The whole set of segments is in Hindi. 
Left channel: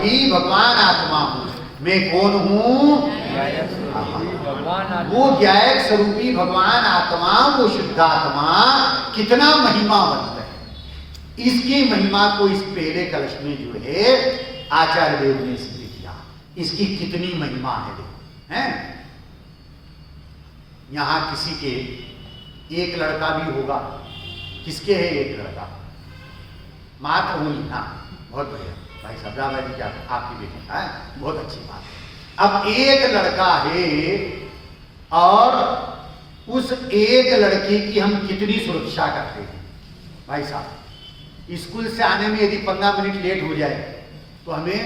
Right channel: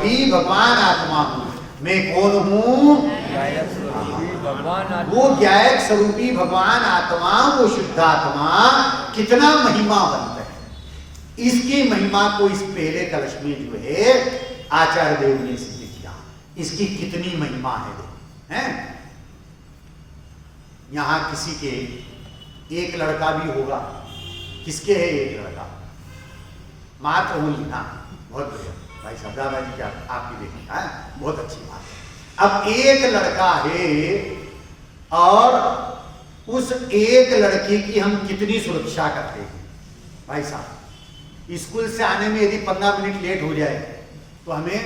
स्वरूपी भगवान आत्मा हूं। मैं कौन हूं? वो ज्ञायक स्वरूपी भगवान आत्मा, वो शुद्धात्मा कितना महिमावंत है। इसकी महिमा को इस पहले कलश में जो है आचार्य देव ने सिद्ध किया। इसकी कितनी महिमा है। यहां किसी के एक लड़का भी होगा। किसके है एक लड़का? मात्र होली। हाँ, बहुत बढ़िया भाई साहब, दादाजी क्या आपकी बेटी है, बहुत अच्छी बात है। अब एक लड़का है और उस एक लड़के की हम कितनी सुरक्षा करते हैं भाई साहब। स्कूल से आने में यदि 15 मिनट लेट हो जाए तो हमें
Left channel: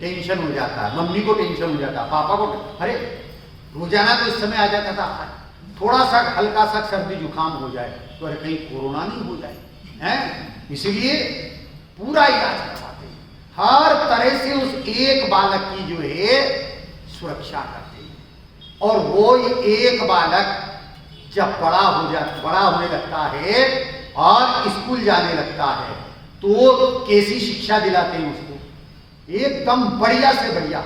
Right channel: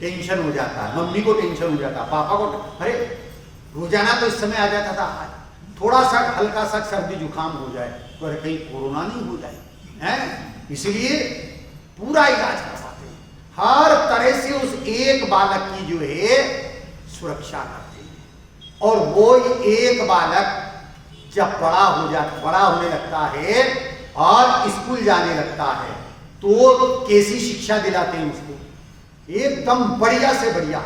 टेंशन हो जाता है, मम्मी को टेंशन हो जाता है, पापा को। अरे रोजाना तो इस समय आ जाता था, थोड़ा सा हल्का सा सर्दी जुकाम हो जाए तो अरे कहीं कोरोना नहीं हो जाए हैं, इसलिए पूरा इलाज करवाते हैं। हर तरह से उस एक बालक की जो है सुरक्षा करते हैं। और वो एक बालक जब बड़ा होने लगता है और स्कूल जाने लगता है तो कैसी शिक्षा दिलाते हैं उसको? एकदम बढ़िया से बढ़िया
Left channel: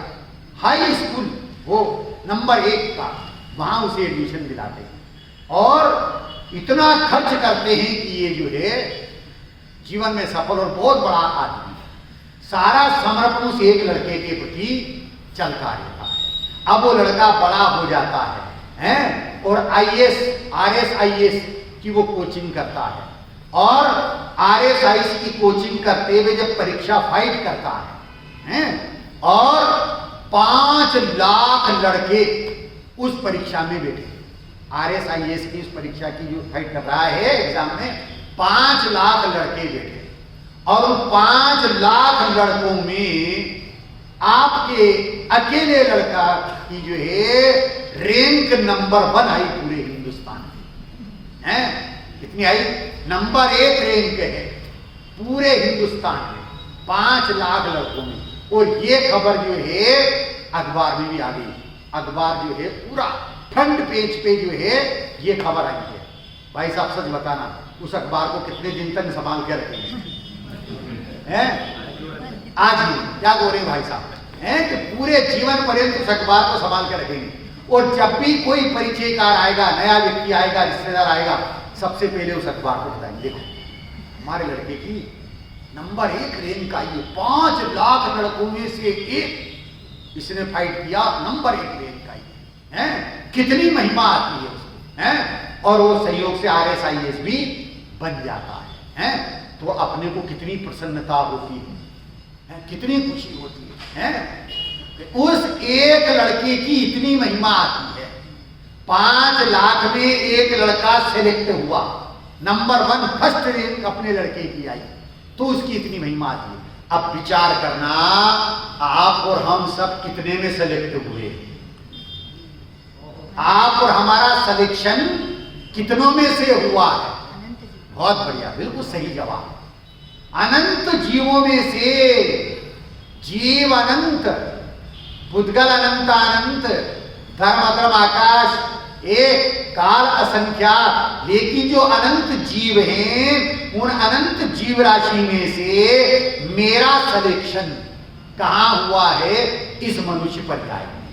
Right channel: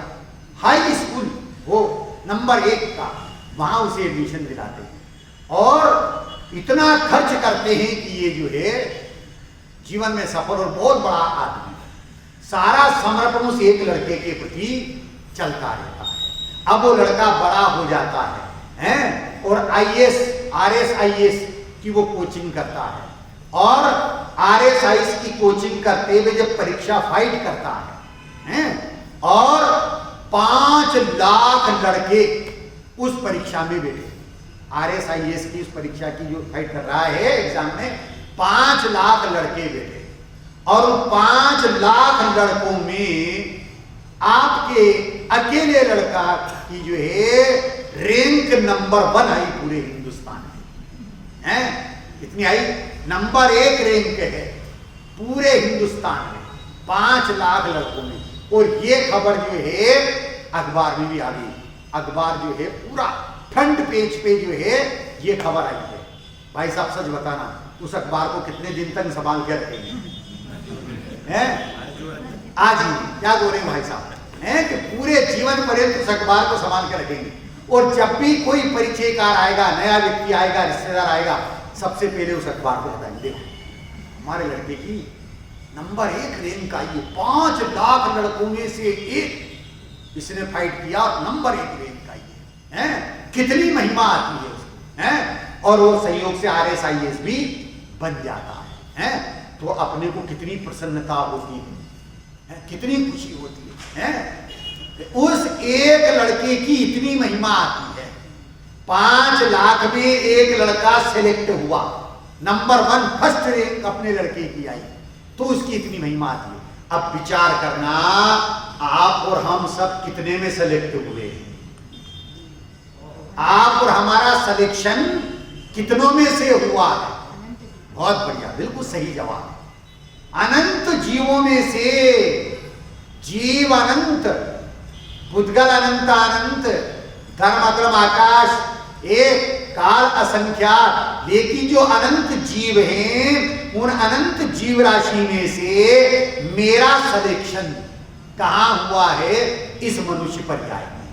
हाई स्कूल हो, नंबर 1 का, वहां उसे एडमिशन दिलाते हैं और इतना खर्च करते हैं कि ये जो है जीवन में सफल और बहुत बड़ा आदमी। सारा समर्पण उस एक लड़के के प्रति चलता रहता है। अब वो लड़का बड़ा हो जाता है और IAS RSIS की वो कोचिंग करता है और RSIS की कोचिंग करते हुए जब परीक्षा फाइट करता है और 5 लाख लड़के उस परीक्षा में बैठे। RSIS की इस परीक्षा की जो फाइट कर रहा है एग्जाम में 5 लाख लड़के बैठे और उन 5 लाख लड़कों में आपके अकेले लड़का की जो है रैंक नंबर 1 आई पूरे हिंदुस्तान में। कितनी आई? नंबर 1 रैंक है पूरे हिंदुस्तान में 5 लाख लड़कों में। और ये खबर जो है अखबार में भी आ गई। अखबार जो है पूरा फ्रंट पेज पे जो है ये खबर आई है। भाई साहब सच बताना, उस अखबार को कितने दिन तक संभाल के रखेंगे? आज ही क्या बोल रहे हैं भाई साहब कि पूरे जीवन पर्यंत उस अखबार को संभाल के रखेंगे। और जब भी कोई परिचयकार आएगा, नया व्यक्ति आएगा, रिश्तेदार आएगा, सबसे पहले उस अखबार को बताएंगे, देखो हमारे लड़के की नंबर 1 रैंक आई है, 5 लाख लड़कों में से एक इसने फाइट किया, नंबर 1 रैंक आई है। कितनी महिमा आती है उसको। और वो सहयोग से RSIS भी बन जाता है। तो अपने को कितनी प्रसन्नता होती है, कितनी खुशी होती है। उस एक लड़के की इतनी महिमा आती है। 5 लाख में एक लड़का सिलेक्ट हुआ, नंबर 1 फर्स्ट रैंक अपने लड़के की आई, तो उसकी इतनी महिमा आती है। अब विचार करना, आप और हम सब कितने में सेलेक्ट हुए? आप और हमारा सिलेक्शन कितनों में से हुआ है? बहुत बढ़िया, बिल्कुल सही जवाब। अनंत जीवों में से जीव अनंत, पुद्गल अनंत अनंत, धर्म अधर्म आकाश एक, काल असंख्यात, लेकिन जो अनंत जीव हैं उन अनंत जीव राशि में से मेरा सिलेक्शन कहां हुआ है? इस मनुष्य पर्याय में।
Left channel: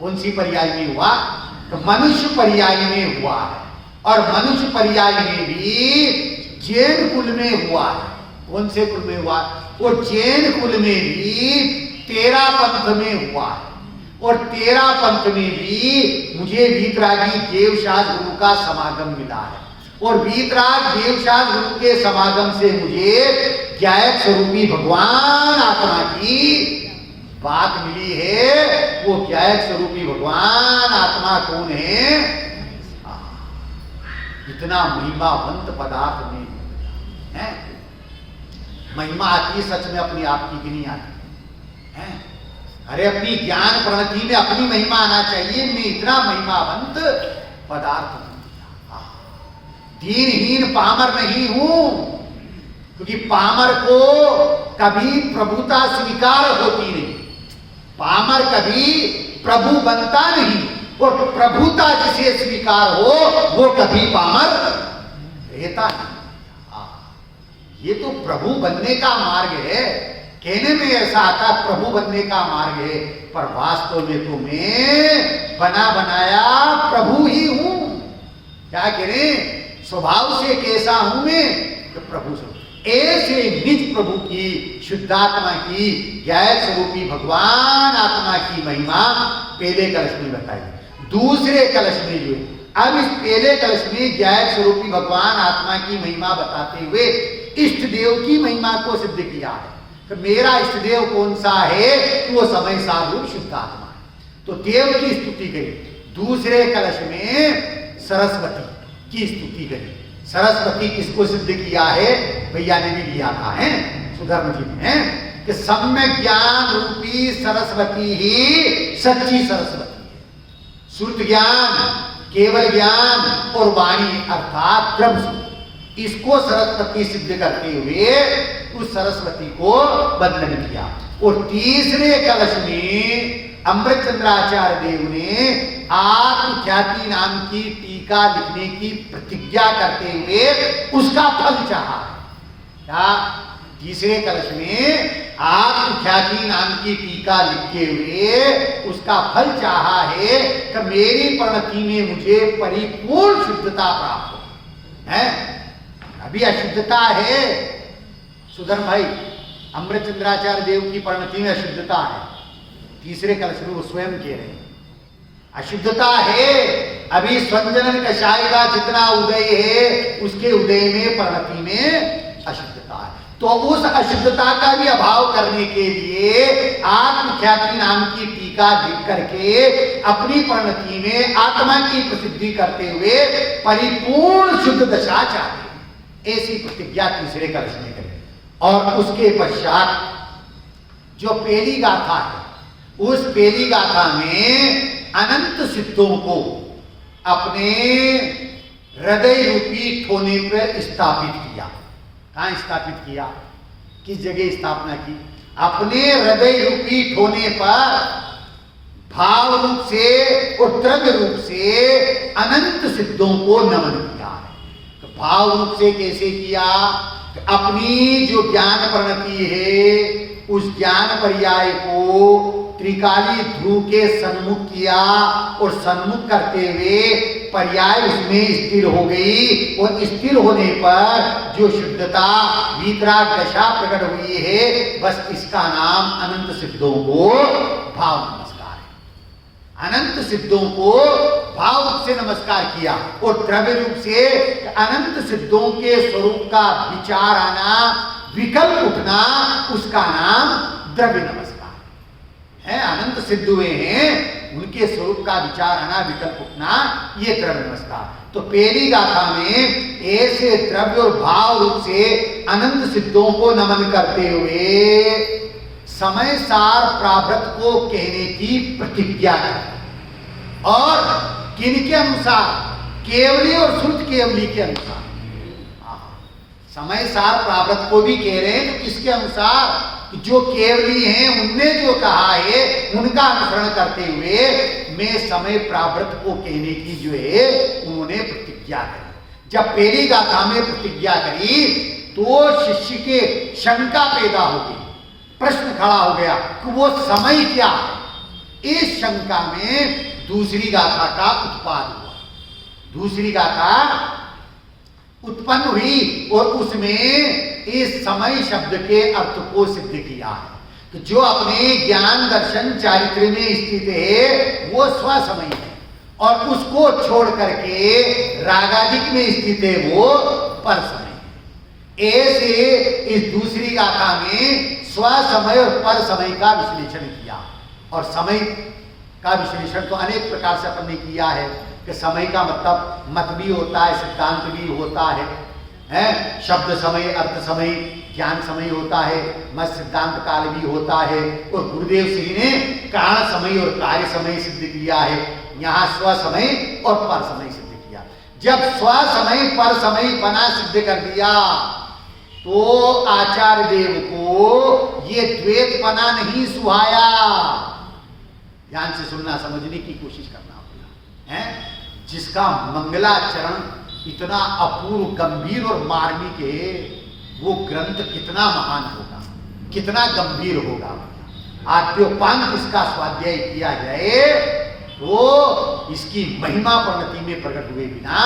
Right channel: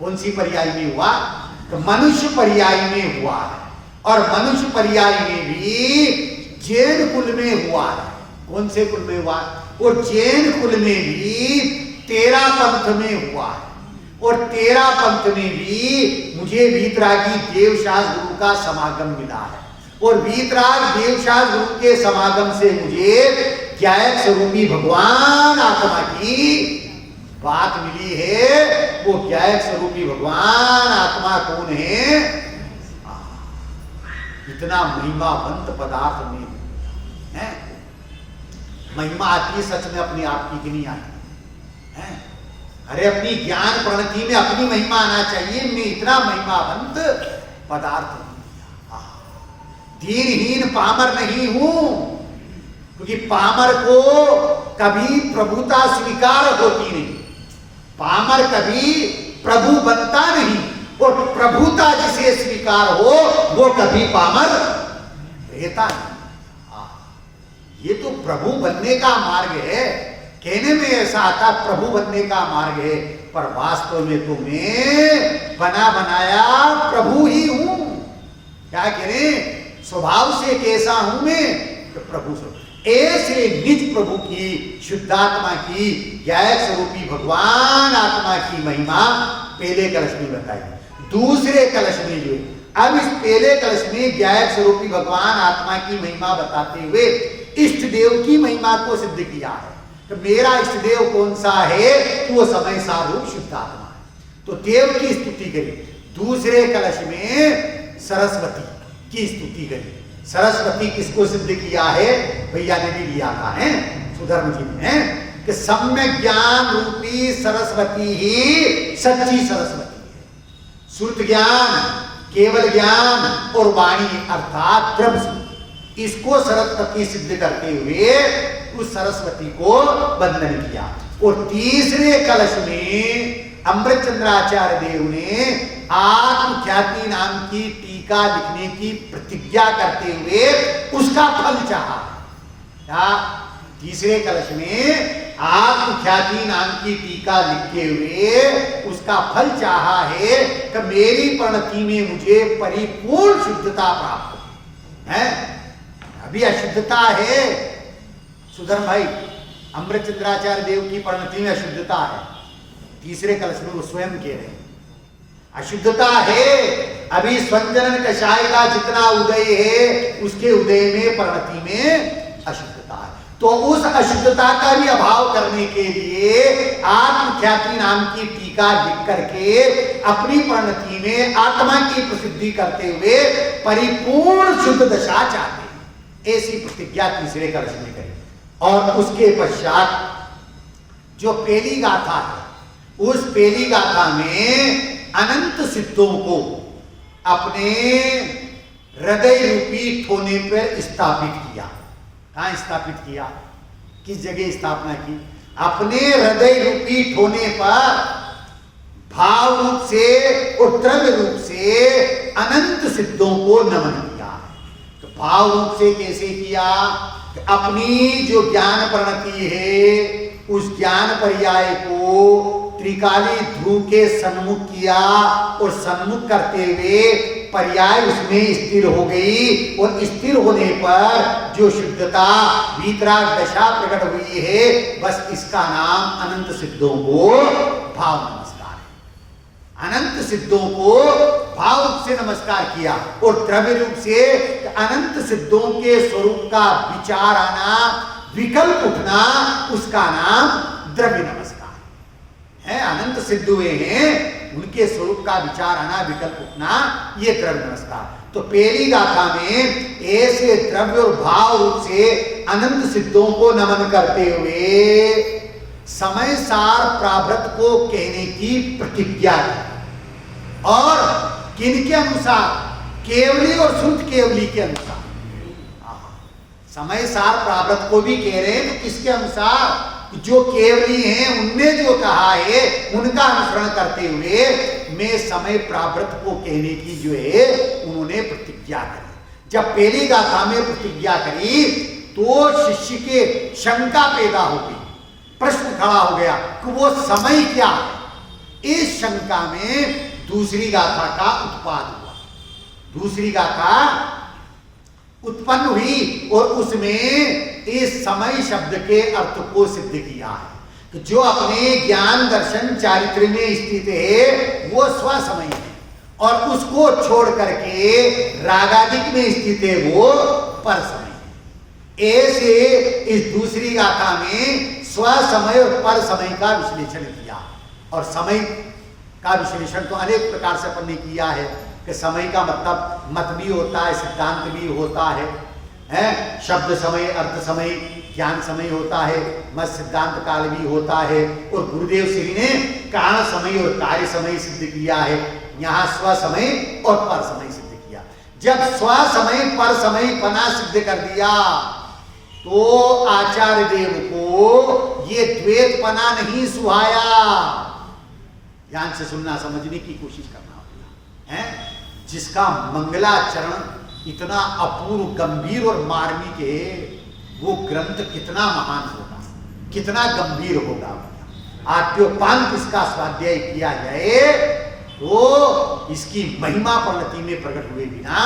कौन सी पर्याय में हुआ? तो मनुष्य पर्याय में हुआ है। और मनुष्य पर्याय में भी जैन कुल में हुआ है। कौन से कुल में हुआ? और जैन कुल में भी 13 पंथ में हुआ है। और 13 पंथ में भी मुझे वीतरागी देवशास गुरु का समागम मिला है। और वीतराग देवशास गुरु के समागम से मुझे ज्ञायक स्वरूपी भगवान आत्मा की बात मिली है। वो ज्ञायक स्वरूपी भगवान आत्मा कौन है? इतना महिमावंत पदार्थ में है। महिमा आती है सच में अपने आप की कि नहीं आती है? अरे अपनी ज्ञान प्रणति में अपनी महिमा आना चाहिए। मैं इतना महिमावंत पदार्थ हूं, दीनहीन पामर नहीं हूं, क्योंकि पामर को कभी प्रभुता स्वीकार होती नहीं। पामर कभी प्रभु बनता नहीं, और प्रभुता जिसे स्वीकार हो वो कभी पामर रहता नहीं। ये तो प्रभु बनने का मार्ग है। कहने में ऐसा आता प्रभु बनने का मार्ग है, पर वास्तव में तो मैं बना बनाया प्रभु ही हूं। क्या कह रहे, स्वभाव से कैसा हूं मैं कि प्रभु स्वरूप। ऐसे निज प्रभु की शुद्धात्मा की ज्ञायक स्वरूपी भगवान आत्मा की महिमा पहले कलश में बताई। दूसरे कलश में जो है, अब इस पहले कलश में ज्ञायक स्वरूपी भगवान आत्मा की महिमा बताते हुए इष्ट देव की महिमा को सिद्ध किया है कि मेरा इष्ट देव कौन सा है, तो वो समय सारूप शुद्ध आत्मा है। तो देव की स्तुति करी। दूसरे कलश में सरस्वती की स्तुति करी। सरस्वती किसको सिद्ध किया है, भैया ने भी लिया था, है सुधर्म जी ने, कि सम्यक ज्ञान रूपी सरस्वती ही सच्ची सरस्वती है। श्रुत ज्ञान, केवल ज्ञान और वाणी अर्थात ब्रह्म, इसको सरस्वती सिद्ध करते हुए उस सरस्वती को वंदन किया। और तीसरे कलश में अमृतचंद्राचार्य देव ने आत्मख्याति नाम की टीका लिखने की प्रतिज्ञा करते हुए उसका फल चाहा। क्या तीसरे कलश में आत्मख्याति नाम की टीका लिखते हुए उसका फल चाहा है कि मेरी परिणति में मुझे परिपूर्ण शुद्धता प्राप्त हो। है अभी अशुद्धता है सुधर्म भाई, अमृतचंद्राचार्य देव की परिणति में अशुद्धता है। तीसरे कलश में वो स्वयं कह रहे हैं अशुद्धता है। अभी स्वंजनन कषाय का जितना उदय है उसके उदय में परिणति में अशुद्धता है। तो उस अशुद्धता का भी अभाव करने के लिए आत्मख्याति नाम की टीका लिख करके अपनी परिणति में आत्मा की प्रसिद्धि करते हुए परिपूर्ण शुद्ध दशा चाहते हैं। ऐसी प्रतिज्ञा तीसरे कलश में करें। और उसके पश्चात जो पहली गाथा है, उस पहली गाथा में अनंत सिद्धों को अपने हृदय रूपी ठोने पर स्थापित किया। कहां स्थापित किया, किस जगह स्थापना की, अपने हृदय रूपी ठोने पर भाव रूप से और द्रव्य रूप से अनंत सिद्धों को नमन किया है। तो भाव रूप से कैसे किया, अपनी जो ज्ञान परिणति है उस ज्ञान पर्याय को त्रिकाली ध्रुव के सन्मुख किया और सन्मुख करते हुए पर्याय उसमें स्थिर हो गई। और स्थिर होने पर जो शुद्धता वीतराग दशा प्रकट हुई है, बस इसका नाम अनंत सिद्धों को भाव नमस्कार है। अनंत सिद्धों को भाव रूप से नमस्कार किया और द्रव्य रूप से अनंत सिद्धों के स्वरूप का विचार आना, विकल्प उठना, उसका नाम द्रव्य नमस्कार है। अनंत सिद्ध हुए हैं, उनके स्वरूप का विचार आना, विकल्प उठना, ये द्रव्य नमस्कार। तो पहली गाथा में ऐसे द्रव्य और भाव रूप से अनंत सिद्धों को नमन करते हुए समय सार प्राव्रत को कहने की प्रतिज्ञा है। और किनके अनुसार, केवली और शुद्ध केवली के अनुसार। समय सार प्राव्रत को भी कह रहे हैं, किसके अनुसार, जो केवली हैं उनने जो कहा है उनका अनुसरण करते हुए मैं समय प्राव्रत को कहने की जो है उन्होंने प्रतिज्ञा करी। जब पहली गाथा में प्रतिज्ञा करी तो शिष्य के शंका पैदा हो गई, प्रश्न खड़ा हो गया कि वो समय क्या है। इस शंका में दूसरी गाथा का उत्पाद हुआ, दूसरी गाथा उत्पन्न हुई और उसमें इस समय शब्द के अर्थ को सिद्ध किया है कि जो अपने ज्ञान दर्शन चारित्र में स्थित है वो स्वसमय है, और उसको छोड़ करके रागादिक में स्थित है वो पर समय है। ऐसे इस दूसरी गाथा में स्वसमय और पर समय का विश्लेषण किया। और समय का विश्लेषण तो अनेक प्रकार से अपन ने किया है कि समय का मतलब मत भी होता है, सिद्धांत भी होता है, शब्द समय, अर्थ समय, ज्ञान समय होता है, मत सिद्धांत काल भी होता है। और गुरुदेव श्री ने कारण समय और कार्य समय सिद्ध किया है, यहाँ स्व समय और पर समय सिद्ध किया। जब स्व समय पर समय पना सिद्ध कर दिया तो आचार्य देव को ये द्वैत पना नहीं सुहाया। ध्यान से सुनना, समझने की कोशिश करना होगा, है जिसका मंगलाचरण इतना अपूर्व, गंभीर और मार्मिक है, वो ग्रंथ कितना महान होगा। कितना गंभीर होगा। आद्योपांत इसका स्वाध्याय किया जाए तो इसकी महिमा परिणति में प्रकट हुए बिना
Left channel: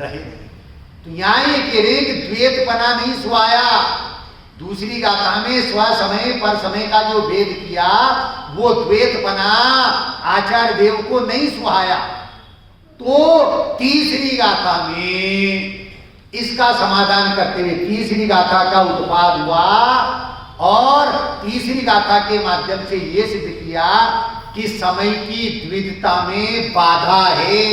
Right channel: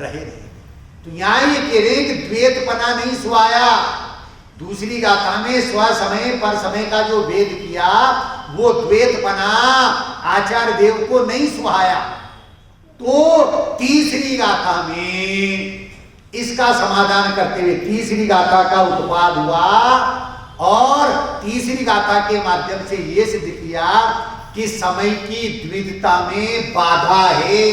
रहे नहीं। तो यहां ये कह रहे कि द्वैतपना नहीं सुहाया। दूसरी गाथा में स्व समय पर समय का जो भेद किया वो द्वैतपना आचार्य देव को नहीं सुहाया। तो तीसरी गाथा में इसका समाधान करते हुए तीसरी गाथा का उत्पाद हुआ और तीसरी गाथा के माध्यम से यह सिद्ध किया कि समय की द्विधता में बाधा है।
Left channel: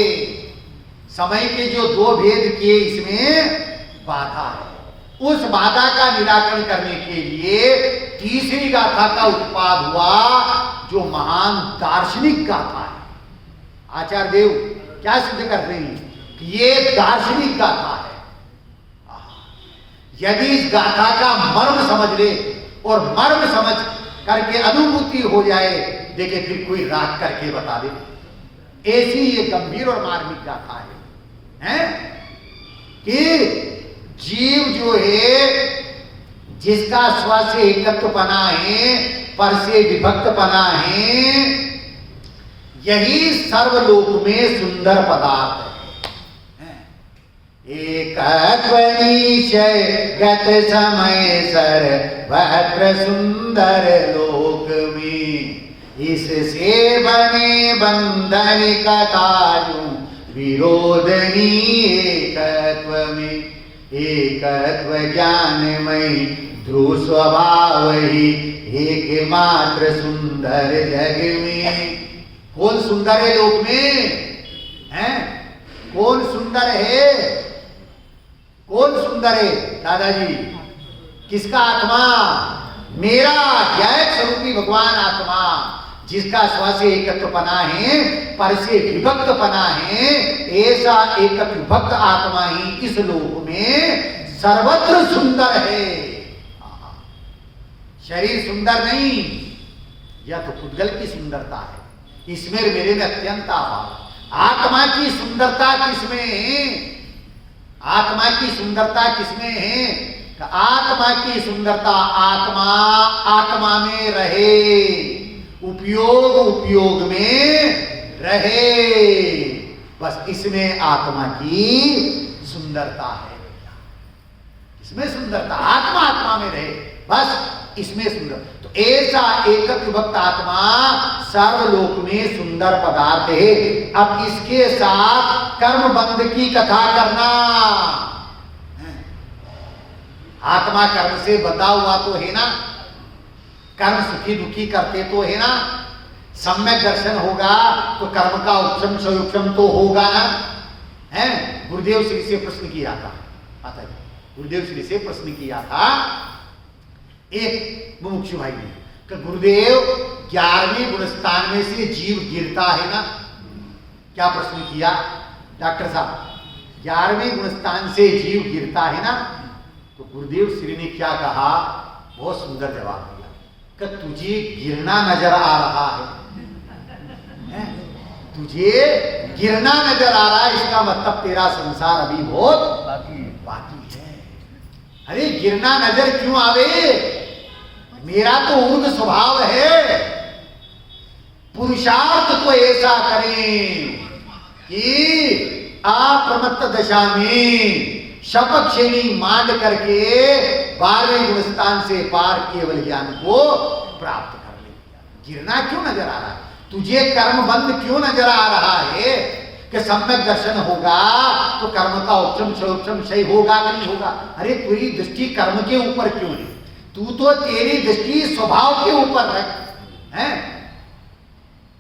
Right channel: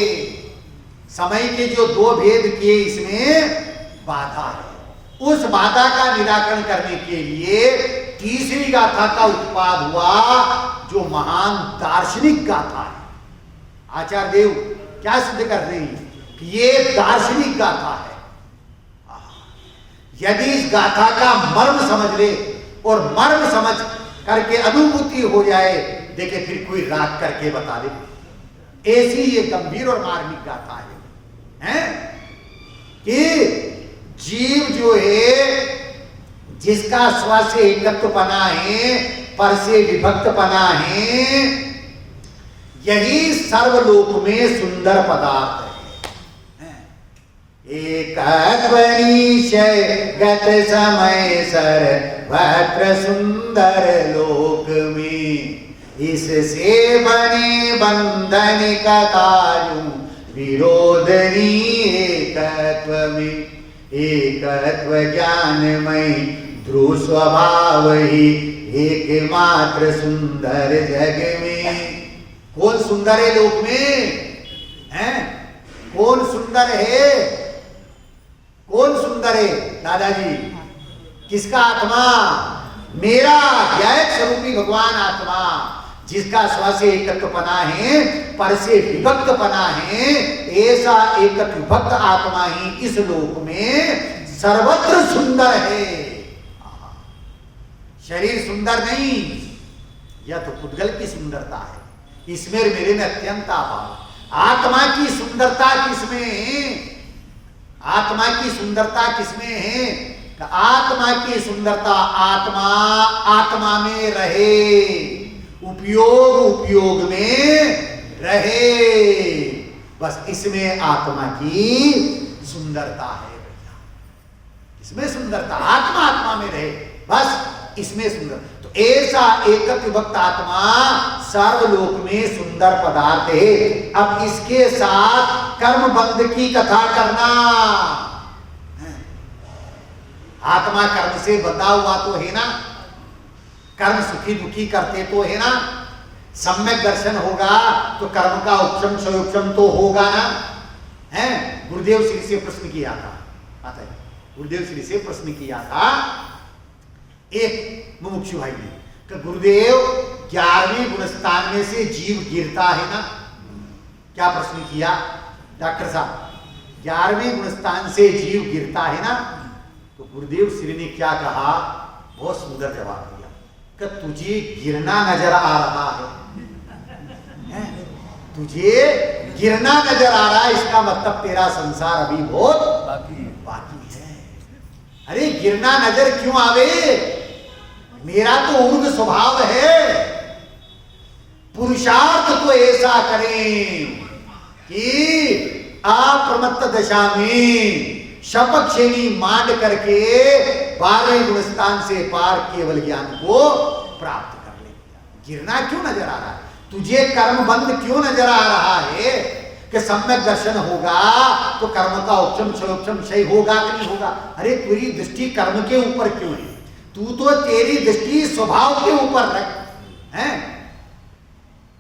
समय के जो दो भेद किए इसमें बाधा है। उस बाधा का निराकरण करने के लिए तीसरी गाथा का उत्पाद हुआ जो महान दार्शनिक गाथा है। आचार्य देव क्या सिद्ध कर रहे हैं कि ये दार्शनिक गाथा है। यदि इस गाथा का मर्म समझ ले और मर्म समझ करके अनुभूति हो जाए, देखे फिर कोई राग करके बता दे, ऐसी ये गंभीर और मार्मिक गाथा है कि जीव जो है जिसका स्व से एकत्वपना है, पर से विभक्तपना है, यही सर्वलोक में सुंदर पदार्थ है। एकत्वनिशय गत समय सर्वत्र सुंदर लोक में, इससे बने बंधन कथायु विरोधनी एकत्व में। एकत्व ज्ञानमय ध्रुव स्वभाव ही एकमात्र सुंदर जग में। कौन सुंदर है लोक में? हैं? कौन सुंदर है? कौन सुंदर है दादाजी? किसका आत्मा? मेरा ज्ञायक स्वरूपी भगवान आत्मा, जिसका स्व से एकत्वपना है, पर से विभक्तपना है, ऐसा एकत्व विभक्त आत्मा ही इस लोक में सर्वत्र सुंदर है। शरीर सुंदर नहीं, यह तो पुद्गल की सुंदरता है, इसमें मेरे में अत्यंत अभाव। आत्मा की सुंदरता किसमें है? आत्मा की सुंदरता किसमें है? आत्मा की सुंदरता आत्मा आत्मा में रहे, उपयोग उपयोग में रहे, बस इसमें आत्मा की सुंदरता है भैया। इसमें सुंदरता, आत्मा आत्मा में रहे, बस इसमें सुंदर। तो ऐसा एकत्व विभक्त आत्मा सर्वलोक में सुंदर पदार्थ है। अब इसके साथ कर्म बंध की कथा करना। आत्मा कर्म से बंधा हुआ तो है ना, कर्म सुखी दुखी करते तो है ना, सम्यक दर्शन होगा तो कर्म का उपशम स्वयोपशम तो होगा ना, है? गुरुदेव श्री से प्रश्न किया था, आता है गुरुदेव श्री से प्रश्न किया था एक मुमुक्षु भाई ने कि गुरुदेव 11वें गुणस्थान में से जीव गिरता है ना? क्या प्रश्न किया डॉक्टर साहब? 11वें गुणस्थान से जीव गिरता है ना? तो गुरुदेव श्री ने क्या कहा? बहुत सुंदर जवाब दिया कि तुझे गिरना नजर आ रहा है? तुझे गिरना नजर आ रहा है, इसका मतलब तेरा संसार अभी बहुत बाकी है। अरे गिरना नजर क्यों आवे? मेरा तो ऊर्ध्व स्वभाव है। पुरुषार्थ तो ऐसा करें कि अप्रमत्त दशा में शपक्षेणी मांड करके 12वें गुणस्थान से पार केवल ज्ञान को प्राप्त कर ले। गिरना क्यों नजर आ रहा है तुझे? कर्म बंध क्यों नजर आ रहा है कि सम्यक दर्शन होगा तो कर्म का उपशम क्षयोपशम क्षय होगा कि नहीं होगा? अरे तेरी दृष्टि कर्म के ऊपर क्यों है? तू तो तेरी दृष्टि स्वभाव के ऊपर रख है।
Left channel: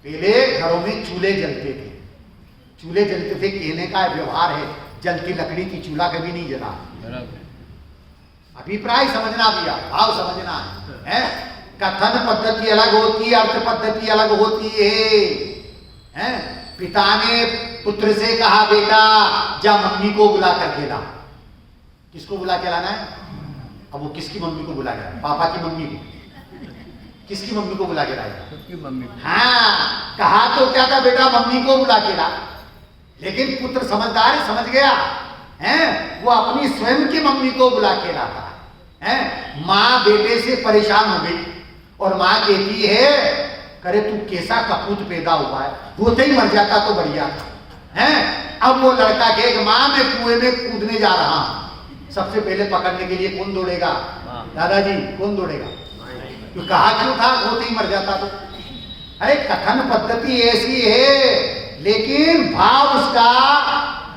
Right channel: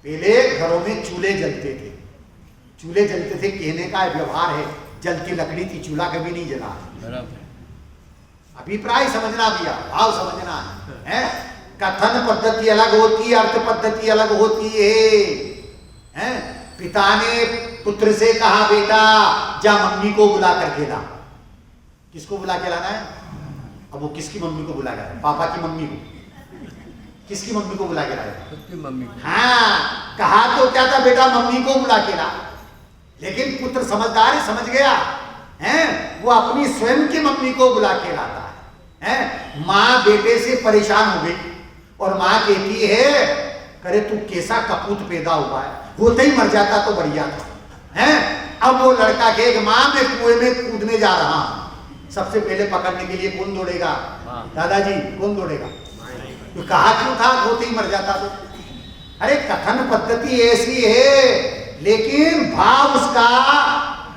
पहले घरों में चूल्हे जलते थे, चूल्हे जलते थे, कहने का व्यवहार है, जलती लकड़ी थी, चूल्हा कभी नहीं जला। अभिप्राय समझना भैया, भाव समझना है। कथन पद्धति अलग होती है, अर्थ पद्धति अलग होती है। पिता ने पुत्र से कहा बेटा जा मम्मी को बुला करके ला। किसको बुला के लाना है? अब वो किसकी मम्मी को बुला के लाए? पापा की मम्मी को। किसकी मम्मी को बुला के लाए? हाँ, कहा तो क्या था बेटा मम्मी को बुला के ला, लेकिन पुत्र समझदार है, समझ गया है, वो अपनी स्वयं की मम्मी को बुला के लाता हैं? माँ बेटे से परेशान हो गई और माँ कहती है, करे तू कैसा कपूत पैदा हुआ है, होते ही मर जाता तो बढ़िया था। हैं? अब वो लड़का कहेगा, माँ मैं कुएं में कूदने जा रहा हूं। सबसे पहले पकड़ने के लिए कौन दौड़ेगा? दादाजी, कौन दौड़ेगा? तो कहा क्यों था होते ही मर जाता तो? अरे कथन पद्धति ऐसी है, लेकिन भाव उसका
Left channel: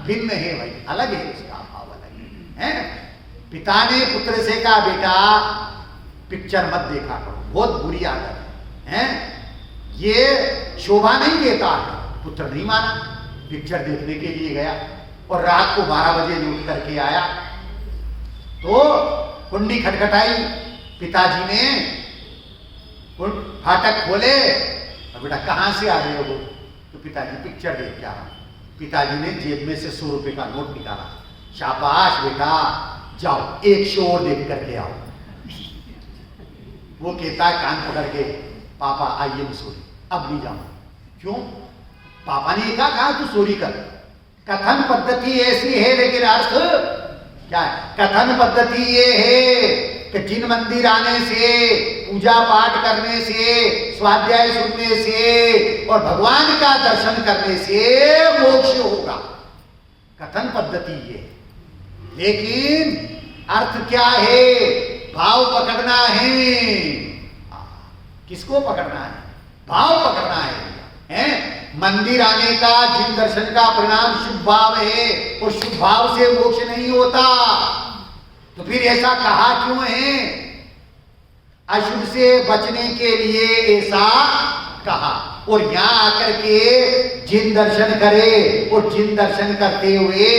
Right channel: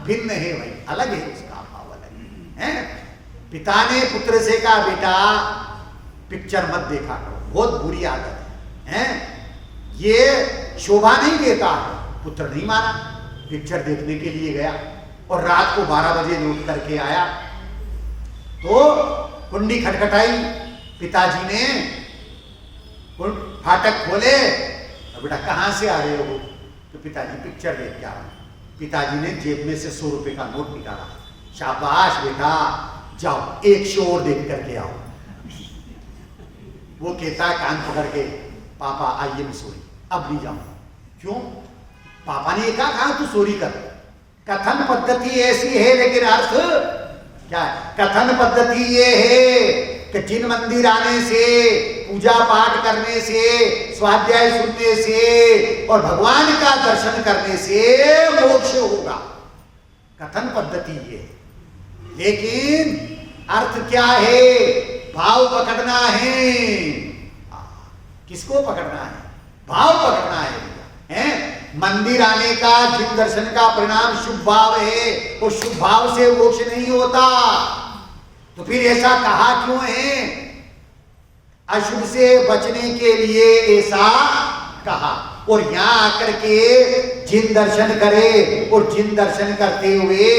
भिन्न है भाई, अलग है, उसका भाव अलग है। पिता ने पुत्र से कहा, बेटा पिक्चर मत देखा करो, बहुत बुरी आदत है। ये शोभा नहीं देता है। पुत्र नहीं माना, पिक्चर देखने के लिए गया और रात को 12 बजे लौट करके आया तो कुंडी खटखटाई। पिताजी ने फाटक खोले और बेटा कहाँ से आ रहे हो? तो पिताजी पिक्चर देख के आ रहा हूं। पिताजी ने जेब में से 100 रुपए का नोट निकाला। शाबाश बेटा, जाओ एक शो और देख करके आओ। वो कहता है कान पकड़ के, पापा आई एम सॉरी, अब नहीं जाऊंगा। क्यों? पापा ने कहा तू सॉरी कर। कथन पद्धति ऐसी है, लेकिन अर्थ क्या है? कथन पद्धति ये है कि जिन मंदिर आने से, पूजा पाठ करने से, स्वाध्याय सुनने से और भगवान का दर्शन करने से मोक्ष होगा, कथन पद्धति ये। लेकिन अर्थ क्या है? भाव पकड़ना है। किसको पकड़ना है? भाव पकड़ना है। मंदिर आने का, जिन दर्शन का परिणाम शुभ भाव है, और शुभ भाव से मोक्ष नहीं होता। तो फिर ऐसा कहा क्यों है? अशुभ से बचने के लिए ऐसा कहा। और यहां आकर के जिन दर्शन करे और जिन दर्शन करते हुए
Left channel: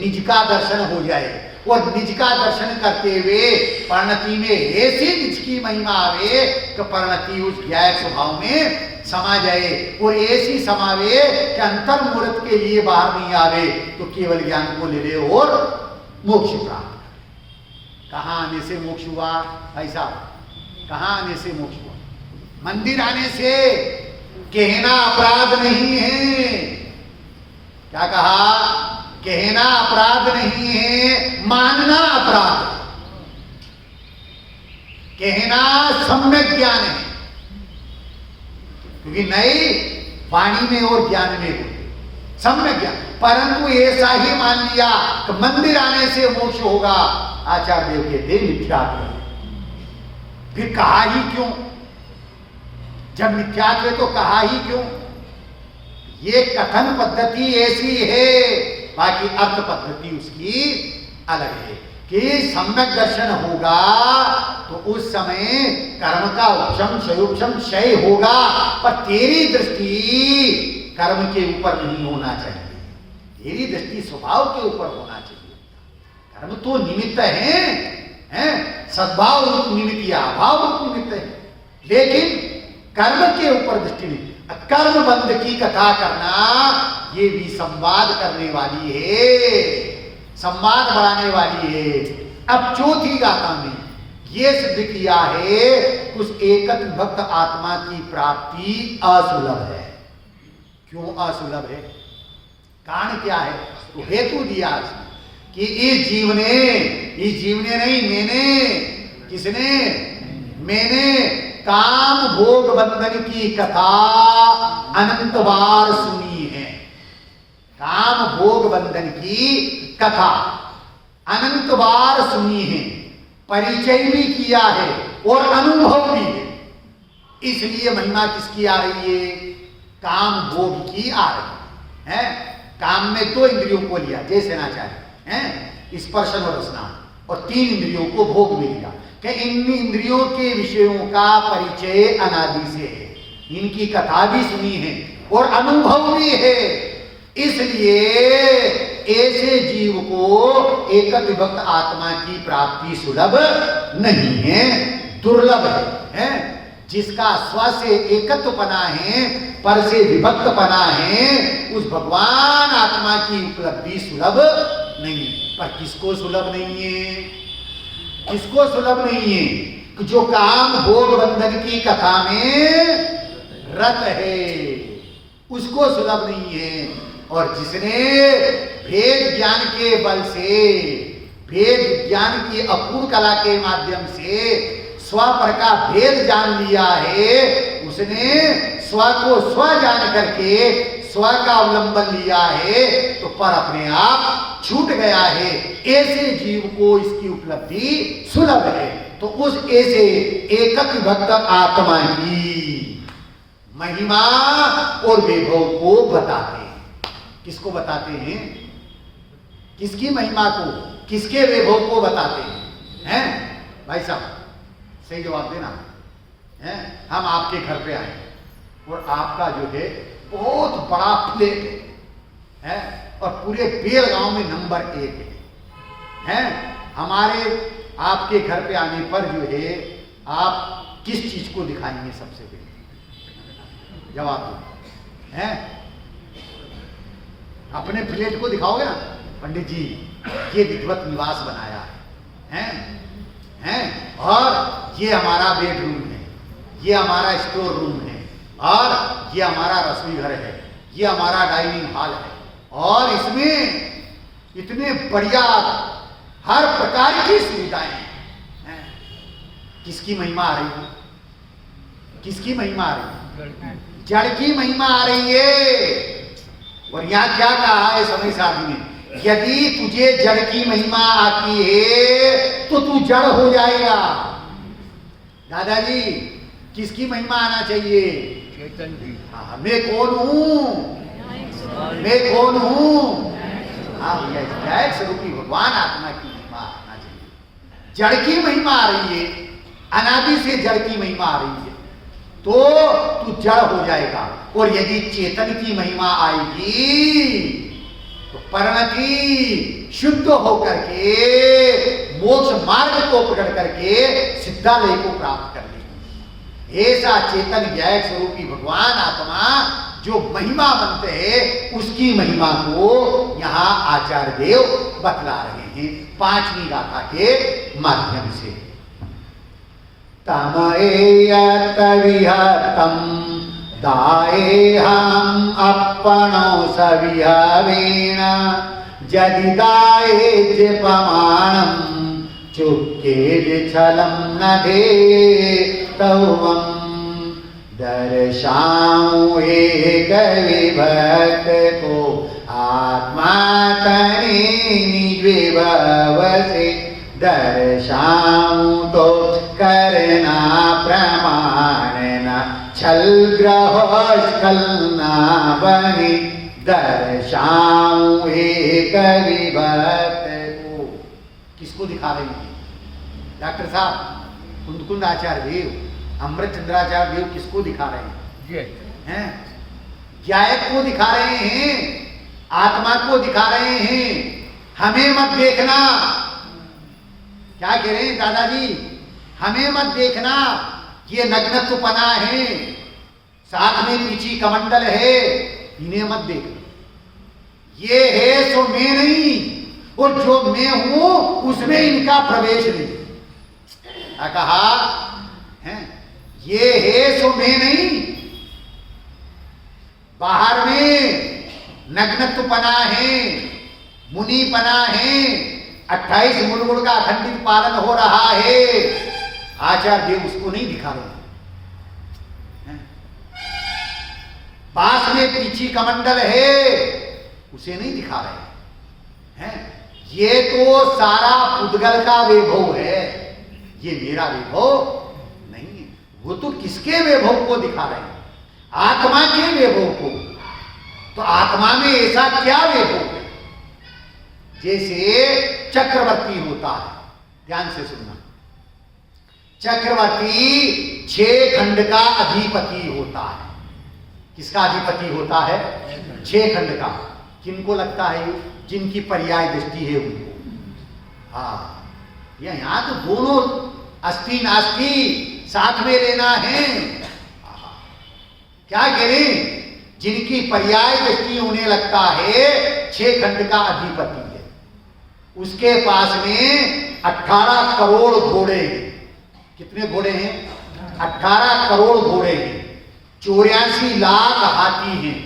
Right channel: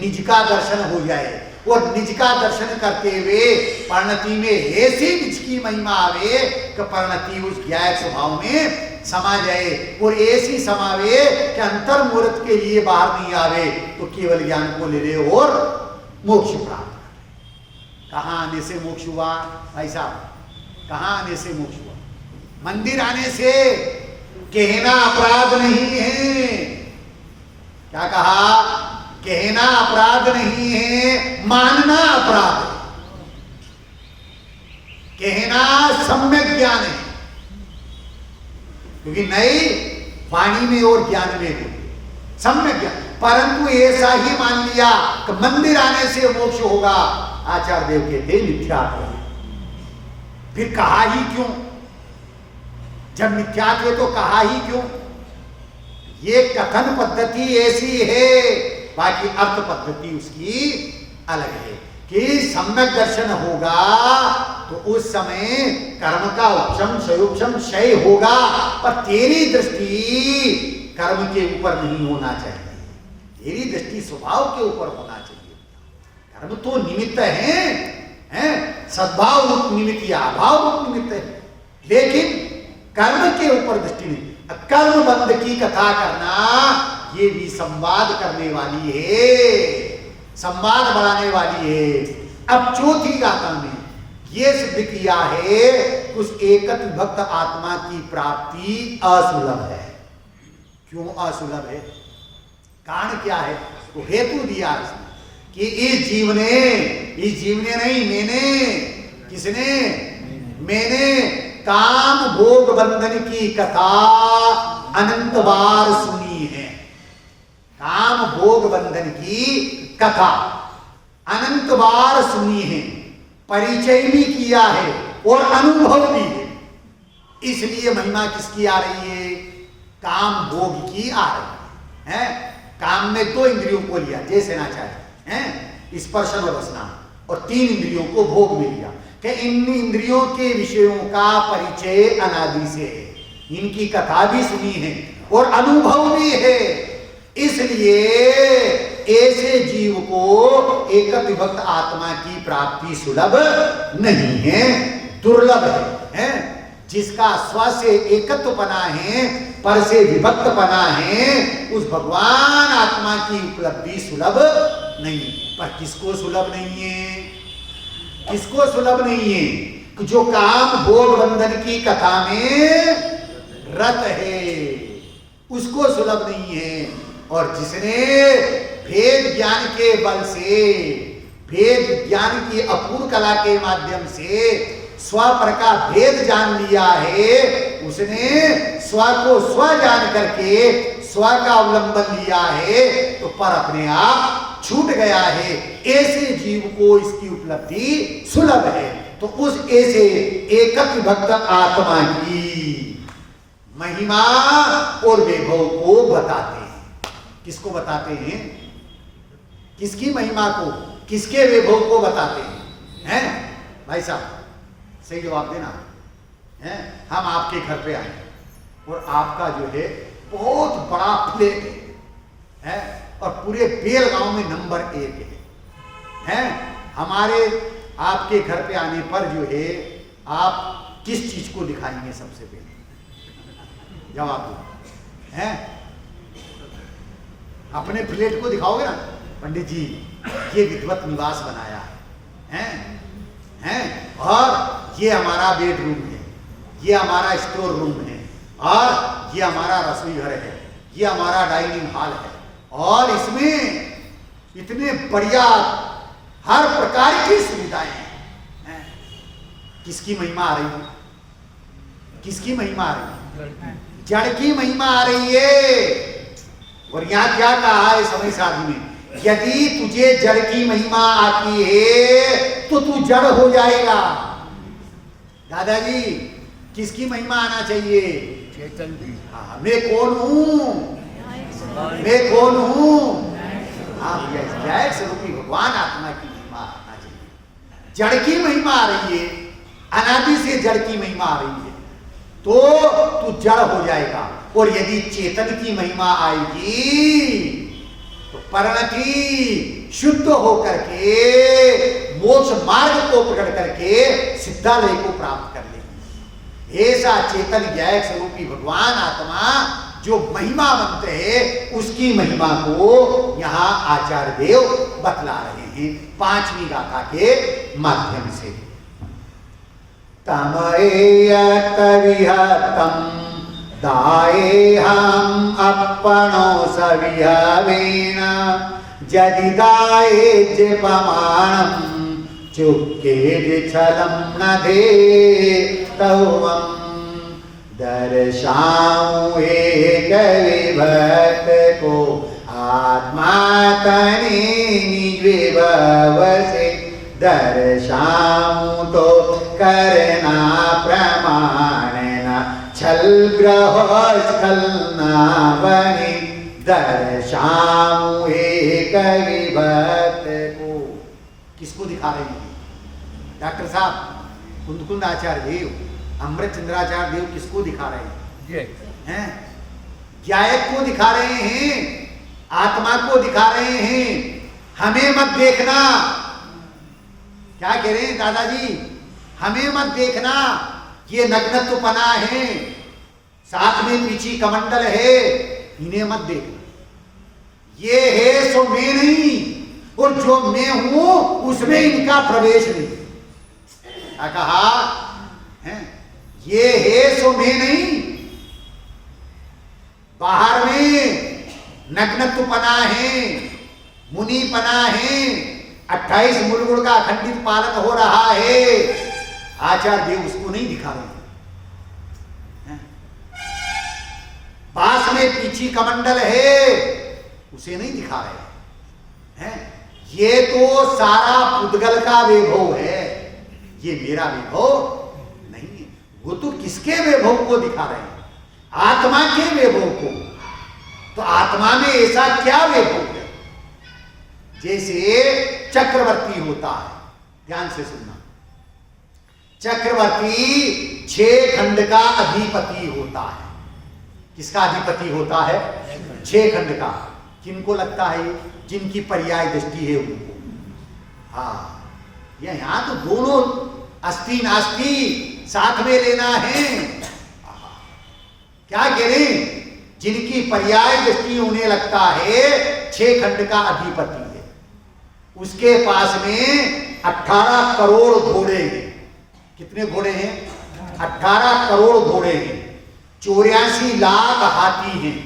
निज का दर्शन हो जाए, और निज का दर्शन करते हुए परिणति में ऐसी निज की महिमा आवे कि परिणति उस ज्ञायक स्वभाव में समा जाए, और ऐसी समावे कि अंतर मुहूर्त के लिए बाहर नहीं आवे, तो केवल ज्ञान को ले ले और मोक्ष प्राप्त कर। कहां आने से मोक्ष हुआ भाई साहब? कहां आने से मोक्ष हुआ? मंदिर आने से। कहना अपराध नहीं है। क्या कहा? कहना अपराध नहीं है, मानना अपराध है। कहना सम्यक ज्ञान है, क्योंकि नई वाणी में और ज्ञान में हो सम्यक ज्ञान। परंतु ऐसा ही मान लिया कि मंदिर आने से मोक्ष होगा, आचार्य देव कहते मिथ्यात्व है। फिर कहा ही क्यों? जब मिथ्यात्व है तो कहा ही क्यों? ये कथन पद्धति ऐसी है, बाकी अर्थ पद्धति उसकी अलग है कि सम्यक दर्शन होगा तो उस समय कर्म का उपशम क्षयोपशम क्षय होगा, पर तेरी दृष्टि कर्म के ऊपर नहीं होना चाहिए, तेरी दृष्टि स्वभाव के ऊपर होना चाहिए। कर्म तो निमित्त है, सद्भाव रूप निमित्त या अभाव रूप निमित्त है, लेकिन कर्म के ऊपर दृष्टि नहीं। कर्म बंध की कथा करना ये भी संवाद करने वाली है, संवाद बढ़ाने वाली है। अब चौथी गाथा में ये सिद्ध किया है कि उस एकत भक्त आत्मा की प्राप्ति असुलभ है। क्यों असुलभ है? कारण क्या है? तो हेतु दिया इसमें कि इस जीव ने नहीं, मैंने, किसने? मैंने काम भोग बंधन की कथा अनंत बार सुनी है। काम भोग बंधन की कथा अनंत बार सुनी है, परिचय भी किया है और अनुभव भी है। इसलिए महिमा किसकी आ रही है? काम भोग की आ रही है। काम में 2 इंद्रियों को लिया, जैसे ना चाहे, स्पर्शन और रसना, और 3 इंद्रियों को भोग में लिया कि इन इंद्रियों के विषयों का परिचय अनादि से है, इनकी कथा भी सुनी है और अनुभव भी है। इसलिए ऐसे जीव को एकत विभक्त आत्मा की प्राप्ति सुलभ नहीं है, दुर्लभ है। जिसका स्व से एकत्वपना है, पर से विभक्तपना है, उस भगवान आत्मा की उपलब्धि सुलभ नहीं। पर किसको सुलभ नहीं है? किसको सुलभ नहीं है? कि जो काम भोग बंधन की कथा में रत है, उसको सुलभ नहीं है। और जिसने भेद ज्ञान के बल से भेद ज्ञान की अपूर्ण कला के माध्यम से स्व पर का भेद जान लिया है, उसने स्व को स्व जान करके स्व का अवलंबन लिया है, तो पर अपने आप छूट गया है। ऐसे जीव को इसकी उपलब्धि सुलभ है। तो उस ऐसे एकक भक्त आत्मा की महिमा और वैभव को बताते हैं। किसको बताते हैं? किसकी महिमा को, किसके वैभव को बताते हैं? भाई साहब सही जवाब देना है। हम आपके घर पे आए और आपका जो है बहुत बड़ा फ्लैट है और पूरे बेलगांव में नंबर 1 है। हमारे आपके घर पे आने पर जो है आप किस चीज को दिखाएंगे सबसे पहले? जवाब दो। हैं? अपने फ्लैट को दिखाओगे ना, पंडित जी ये विद्वत निवास बनाया है, हैं? और ये हमारा बेडरूम है, ये हमारा स्टोर रूम है, और ये हमारा रसोई घर है, ये हमारा डाइनिंग हॉल है, और इसमें इतने बढ़िया हर प्रकार की सुविधाएं हैं। किसकी महिमा आ रही है? किसकी महिमा आ रही है? जड़ की महिमा आ रही है। और यहां क्या कहा है समय साधि में? यदि तुझे जड़ की महिमा आती है तो तू जड़ हो जाएगा। दादाजी किसकी महिमा आना चाहिए? चेतन की। हाँ, मैं कौन हूं? मैं कौन हूं? हाँ भैया, जय स्वरूपी भगवान आत्मा की महिमा आना चाहिए। जड़ की महिमा आ रही है, अनादि से जड़ की महिमा आ रही है, तो तू जड़ हो जाएगा। और यदि चेतन की महिमा आएगी तो परिणति शुद्ध होकर के मोक्ष मार्ग को प्रकट करके सिद्धालय को प्राप्त कर लेगी। ऐसा चेतन ज्ञायक स्वरूपी भगवान आत्मा जो महिमावंत है, उसकी महिमा को यहाँ आचार्य देव बतला रहे हैं 5वीं गाथा के माध्यम से। तमएयत विहतम दाएहम अपनो सविहवेण यदि दाए जपमाणं चुक्के छलं न दे तवं दर्शाऊं एक विभक्त को आत्मा तनि निज विभव से दर्शाऊं तो करना प्रमाण न छल ग्रह छल ना बनी दर्शाऊं एक विभक्त को। किसको दिखा रहे हैं डॉक्टर साहब? कुंद आचार्य देव, अमृत चंद्राचार्य देव किसको दिखा रहे हैं? ज्ञायक को दिखा रहे हैं, आत्मा को दिखा रहे हैं। हमें मत देखना। क्या कह रहे हैं दादाजी? हमें मत देखना, ये नग्नत्वपना है, साथ में पीछी कमंडल है, इन्हें मत देखना। ये है सो मैं नहीं, और जो मैं हूं उसमें इनका प्रवेश नहीं। क्या कहा है? ये है सो मैं नहीं, बाहर में नग्नत्वपना है, मुनिपना है, 28 मूलगुण का अखंडित पालन हो रहा है। आचार्य देव उसको नहीं दिखा रहे हैं। पास में पीछी कमंडल है, उसे नहीं दिखा रहे हैं। ये तो सारा पुद्गल का वैभव है, ये मेरा वैभव नहीं है। वो तो किसके वैभव को दिखा रहे हैं? आत्मा के वैभव को। तो आत्मा में ऐसा क्या वैभव है? जैसे चक्रवर्ती होता है, ध्यान से सुनना। चक्रवर्ती 6 खंड का अधिपति होता है। किसका अधिपति होता है? 6 खंड का। किनको लगता है ये? जिनकी पर्याय दृष्टि है उनको। हाँ, यहां तो दोनों अस्थि नास्ति साथ में लेना है। क्या कह रहे? जिनकी पर्याय दृष्टि उन्हें लगता है 6 खंड का अधिपति है, उसके पास में 18 करोड़ घोड़े हैं। कितने घोड़े हैं? 18 करोड़ घोड़े हैं। 84 लाख हाथी हैं,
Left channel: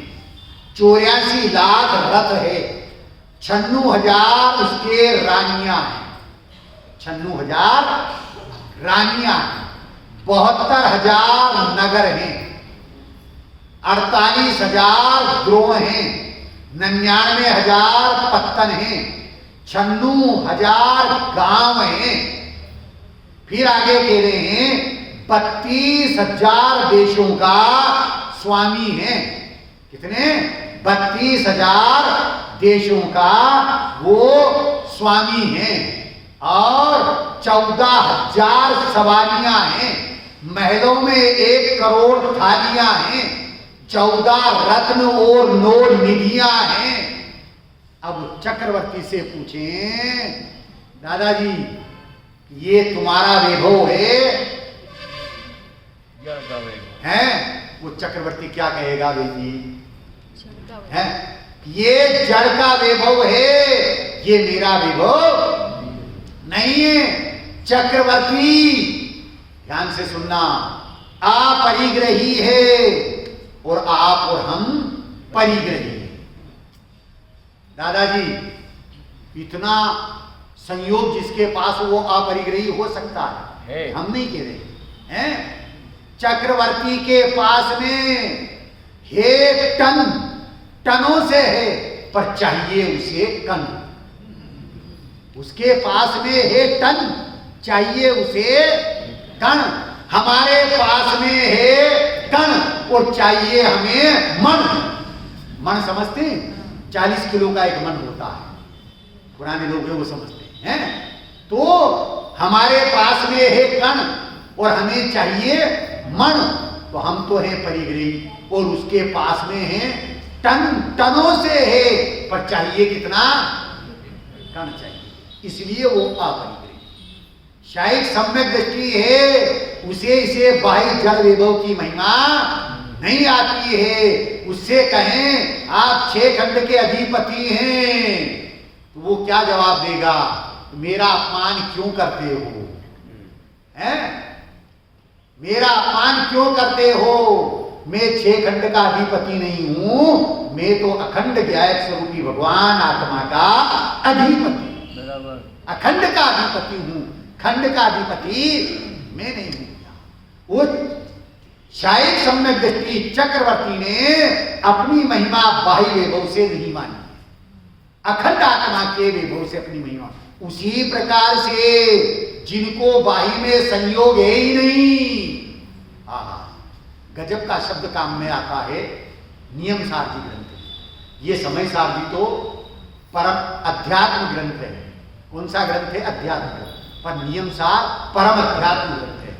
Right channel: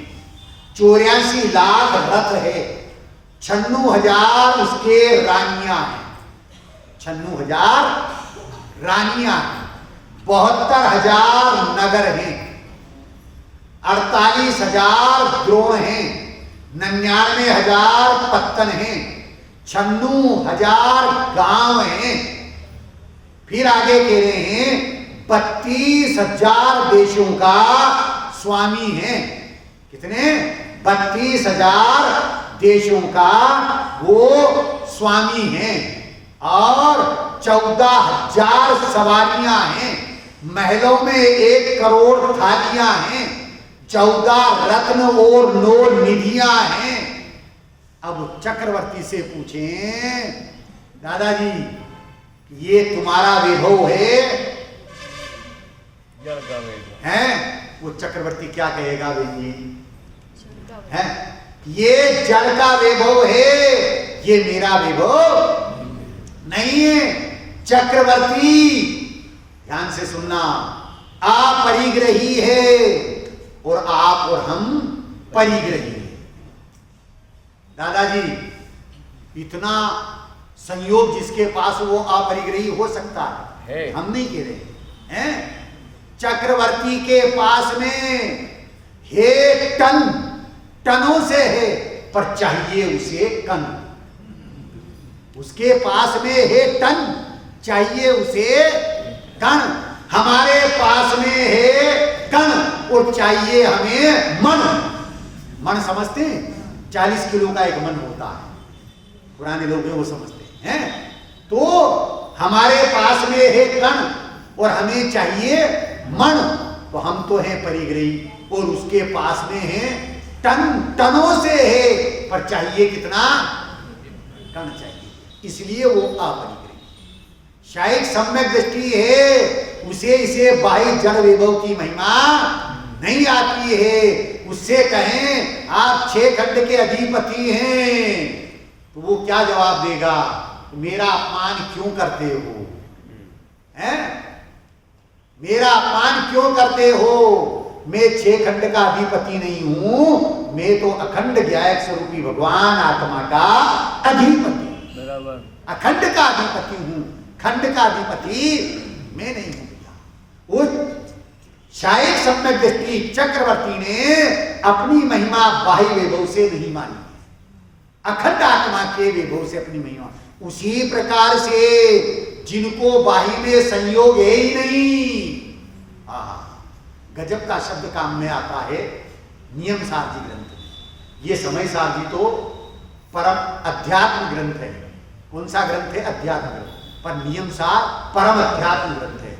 84 लाख रथ है, 96,000 उसके रानियां हैं। 96,000 रानियां हैं, 72,000 नगर हैं, 48,000 द्रोण हैं, 99,000 पत्तन हैं, 96,000 गांव हैं। फिर आगे कह रहे हैं 32,000 देशों का स्वामी है। कितने? 32,000 देशों का वो स्वामी है और 14,000 सवारियां हैं। महलों में 1 करोड़ थालियां हैं, 14 रत्न और 9 निधियां हैं। अब चक्रवर्ती से पूछें, दादाजी ये तुम्हारा वैभव है? वो चक्रवर्ती क्या कहेगा बहन जी? है ये जड़ का वैभव है, ये मेरा वैभव नहीं है। चक्रवर्ती ध्यान से सुनना, अपरिग्रही है और आप और हम परिग्रही हैं। दादाजी इतना संयोग जिसके पास वो अपरिग्रही हो सकता है, हम नहीं कह रहे हैं। चक्रवर्ती के पास में है टनों से है, पर चाहिए उसे कण। उसके पास में है टन, चाहिए उसे कण। हमारे पास में है कण और चाहिए हमें मन। मन समझते हैं? 40 किलो का एक मन होता है, पुराने लोग वो समझते हैं। तो हमारे पास में है कण और हमें चाहिए मन। तो हम तो हैं परिग्रही और उसके पास में है टनों से है, पर चाहिए कितना? कण चाहिए। इसलिए वो अपरिग्रही। शायद सम्यक दृष्टि है, उसे इसे बाह्य जड़ वैभव की महिमा नहीं आती है। उससे कहें आप 6 खंड के अधिपति हैं, तो वो क्या जवाब देगा? मेरा अपमान क्यों करते हो? हैं? मेरा अपमान क्यों करते हो? मैं 6 खंड का अधिपति नहीं हूं, मैं तो अखंड ज्ञायक स्वरूपी भगवान आत्मा का अधिपति, अखंड का अधिपति हूं। खंड का अधिपति मैं नहीं हूं। वो शायद सम्यक दृष्टि चक्रवर्ती ने अपनी महिमा बाह्य वैभव से नहीं मानी है, अखंड आत्मा के वैभव से अपनी महिमा। उसी प्रकार से जिनको बाह्य में संयोग है ही नहीं, गजब का शब्द काम में आता है नियम सारजी ग्रंथ में। ये समय सारजी तो परम अध्यात्म ग्रंथ है। कौन सा ग्रंथ है? अध्यात्म ग्रंथ। पर नियम सार परम अध्यात्म ग्रंथ है।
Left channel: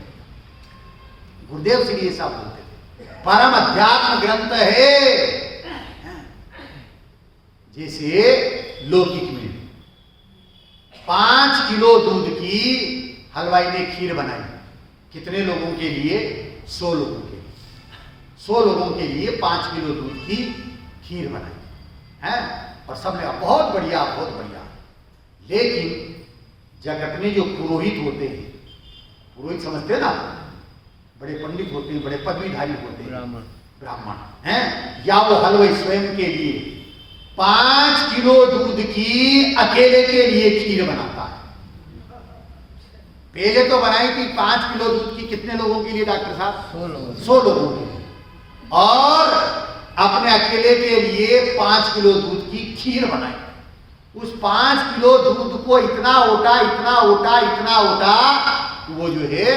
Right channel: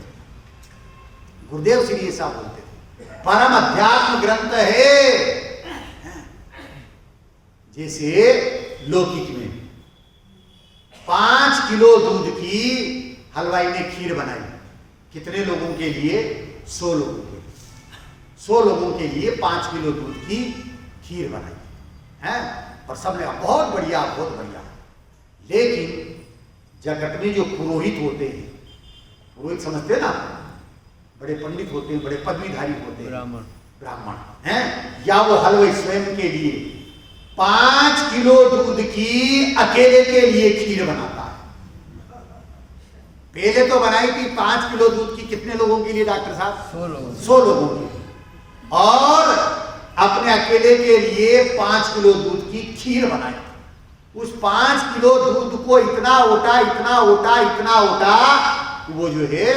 गुरुदेव श्री ऐसा बोलते थे, परम अध्यात्म ग्रंथ है। जैसे लौकिक में 5 किलो दूध की हलवाई ने खीर बनाई। कितने लोगों के लिए? 100 लोगों के लिए। 100 लोगों के लिए 5 किलो दूध की खीर बनाई है और सबने बहुत बढ़िया, बहुत बढ़िया। लेकिन जगत में जो पुरोहित होते हैं, पुरोहित समझते हैं ना, बड़े पंडित होते हैं, बड़े पदवीधारी होते हैं, ब्राह्मण हैं, या वो हलवाई स्वयं के लिए 5 किलो दूध की अकेले के लिए खीर बनाता है। पहले तो बनाई थी 5 किलो दूध की कितने लोगों के लिए डॉक्टर साहब? 100 लोगों के लिए। और अपने अकेले के लिए 5 किलो दूध की खीर बनाई। उस 5 किलो दूध को इतना ओटा, इतना ओटा, इतना ओटा, वो जो है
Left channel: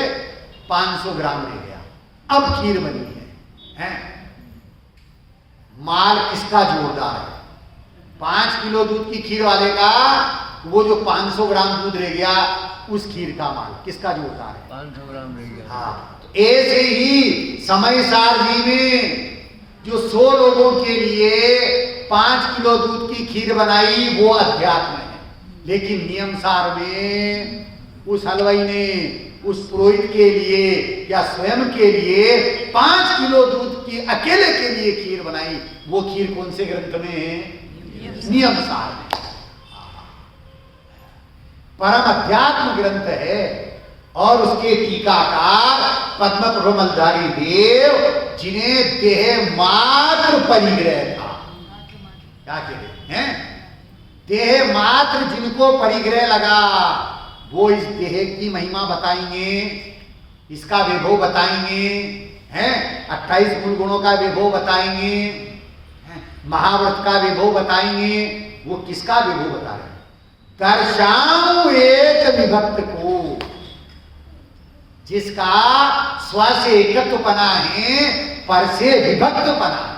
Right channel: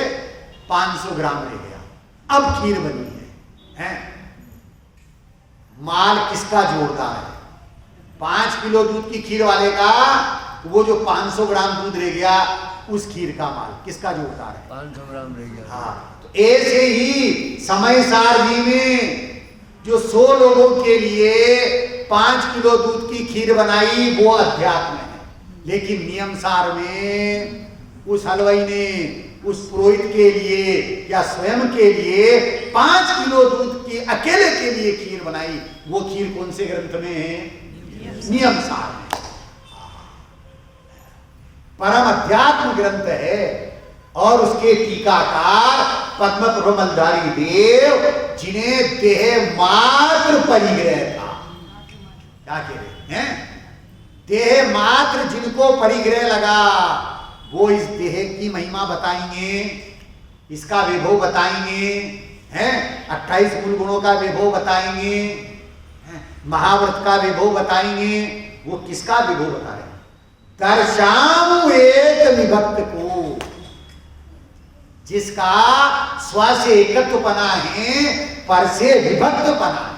500 ग्राम रह गया। अब खीर बनी है। माल किसका जोरदार है? 5 किलो दूध की खीर वाले का। वो जो 500 ग्राम दूध रह गया, उस खीर का माल किसका जोरदार है? 500 ग्राम रह गया। हाँ, तो ऐसे ही समय सारजी में जो 100 लोगों के लिए 5 किलो दूध की खीर बनाई, वो अध्यात्म है। लेकिन नियम सार में उस हलवाई ने उस पुरोहित के लिए या स्वयं के लिए 5 किलो दूध की अकेले के लिए खीर बनाई। वो खीर कौन से ग्रंथ में है? नियम सार में। परम अध्यात्म ग्रंथ है। और उसके टीकाकार पद्म प्रबंधारी देव, जिन्हें देह मात्र परिग्रह था। क्या कह रहे हैं? देह मात्र जिनको परिग्रह लगा, वो इस देह की महिमा बताएंगे, इसका वैभव बताएंगे, हैं 28 मूल गुणों का वैभव बताएंगे, महाव्रत का वैभव बताएंगे। वो किसका वैभव बता रहे हैं? दर्शाऊं एक विभक्त को, जिसका स्व से एकत्वपना है, पर से विभक्तपना है।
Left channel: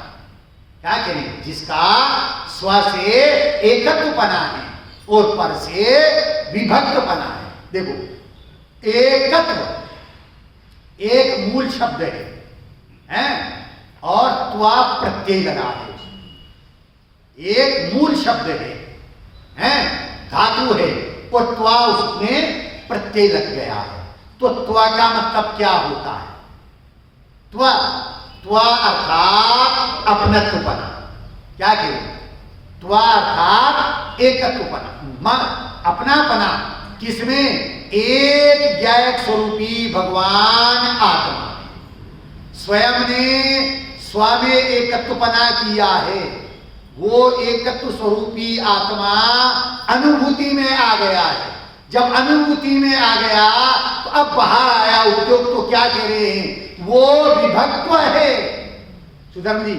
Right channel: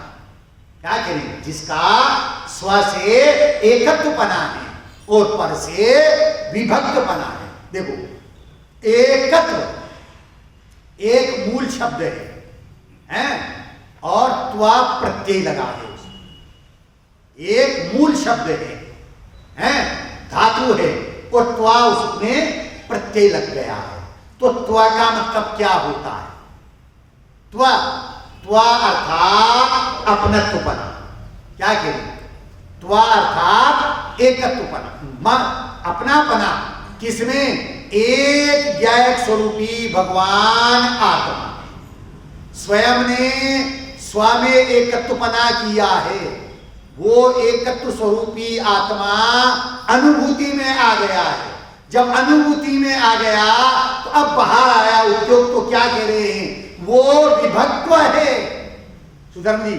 क्या करें? जिसका स्व से एकत्वपना है और पर से विभक्तपना है। देखो, एकत्व एक मूल शब्द है और त्वा प्रत्यय लगा है। एक मूल शब्द है, धातु है और त्वा उसमें प्रत्यय लग गया है। तो त्वा का मतलब क्या होता है? त्वा त्वा अर्थात अपनत्वपना। क्या कहें? त्वा अर्थात एकत्वपना, अपनापना। किसमें? एक ज्ञायक स्वरूपी भगवान आत्मा में स्वयं ने स्व में एकत्वपना किया है। वो एकत्व स्वरूपी आत्मा अनुभूति में आ गया है। जब अनुभूति में आ गया तो अब बाहर आया उद्योग। तो क्या कह रहे हैं? वो विभक्त्व है। सुधर्म जी,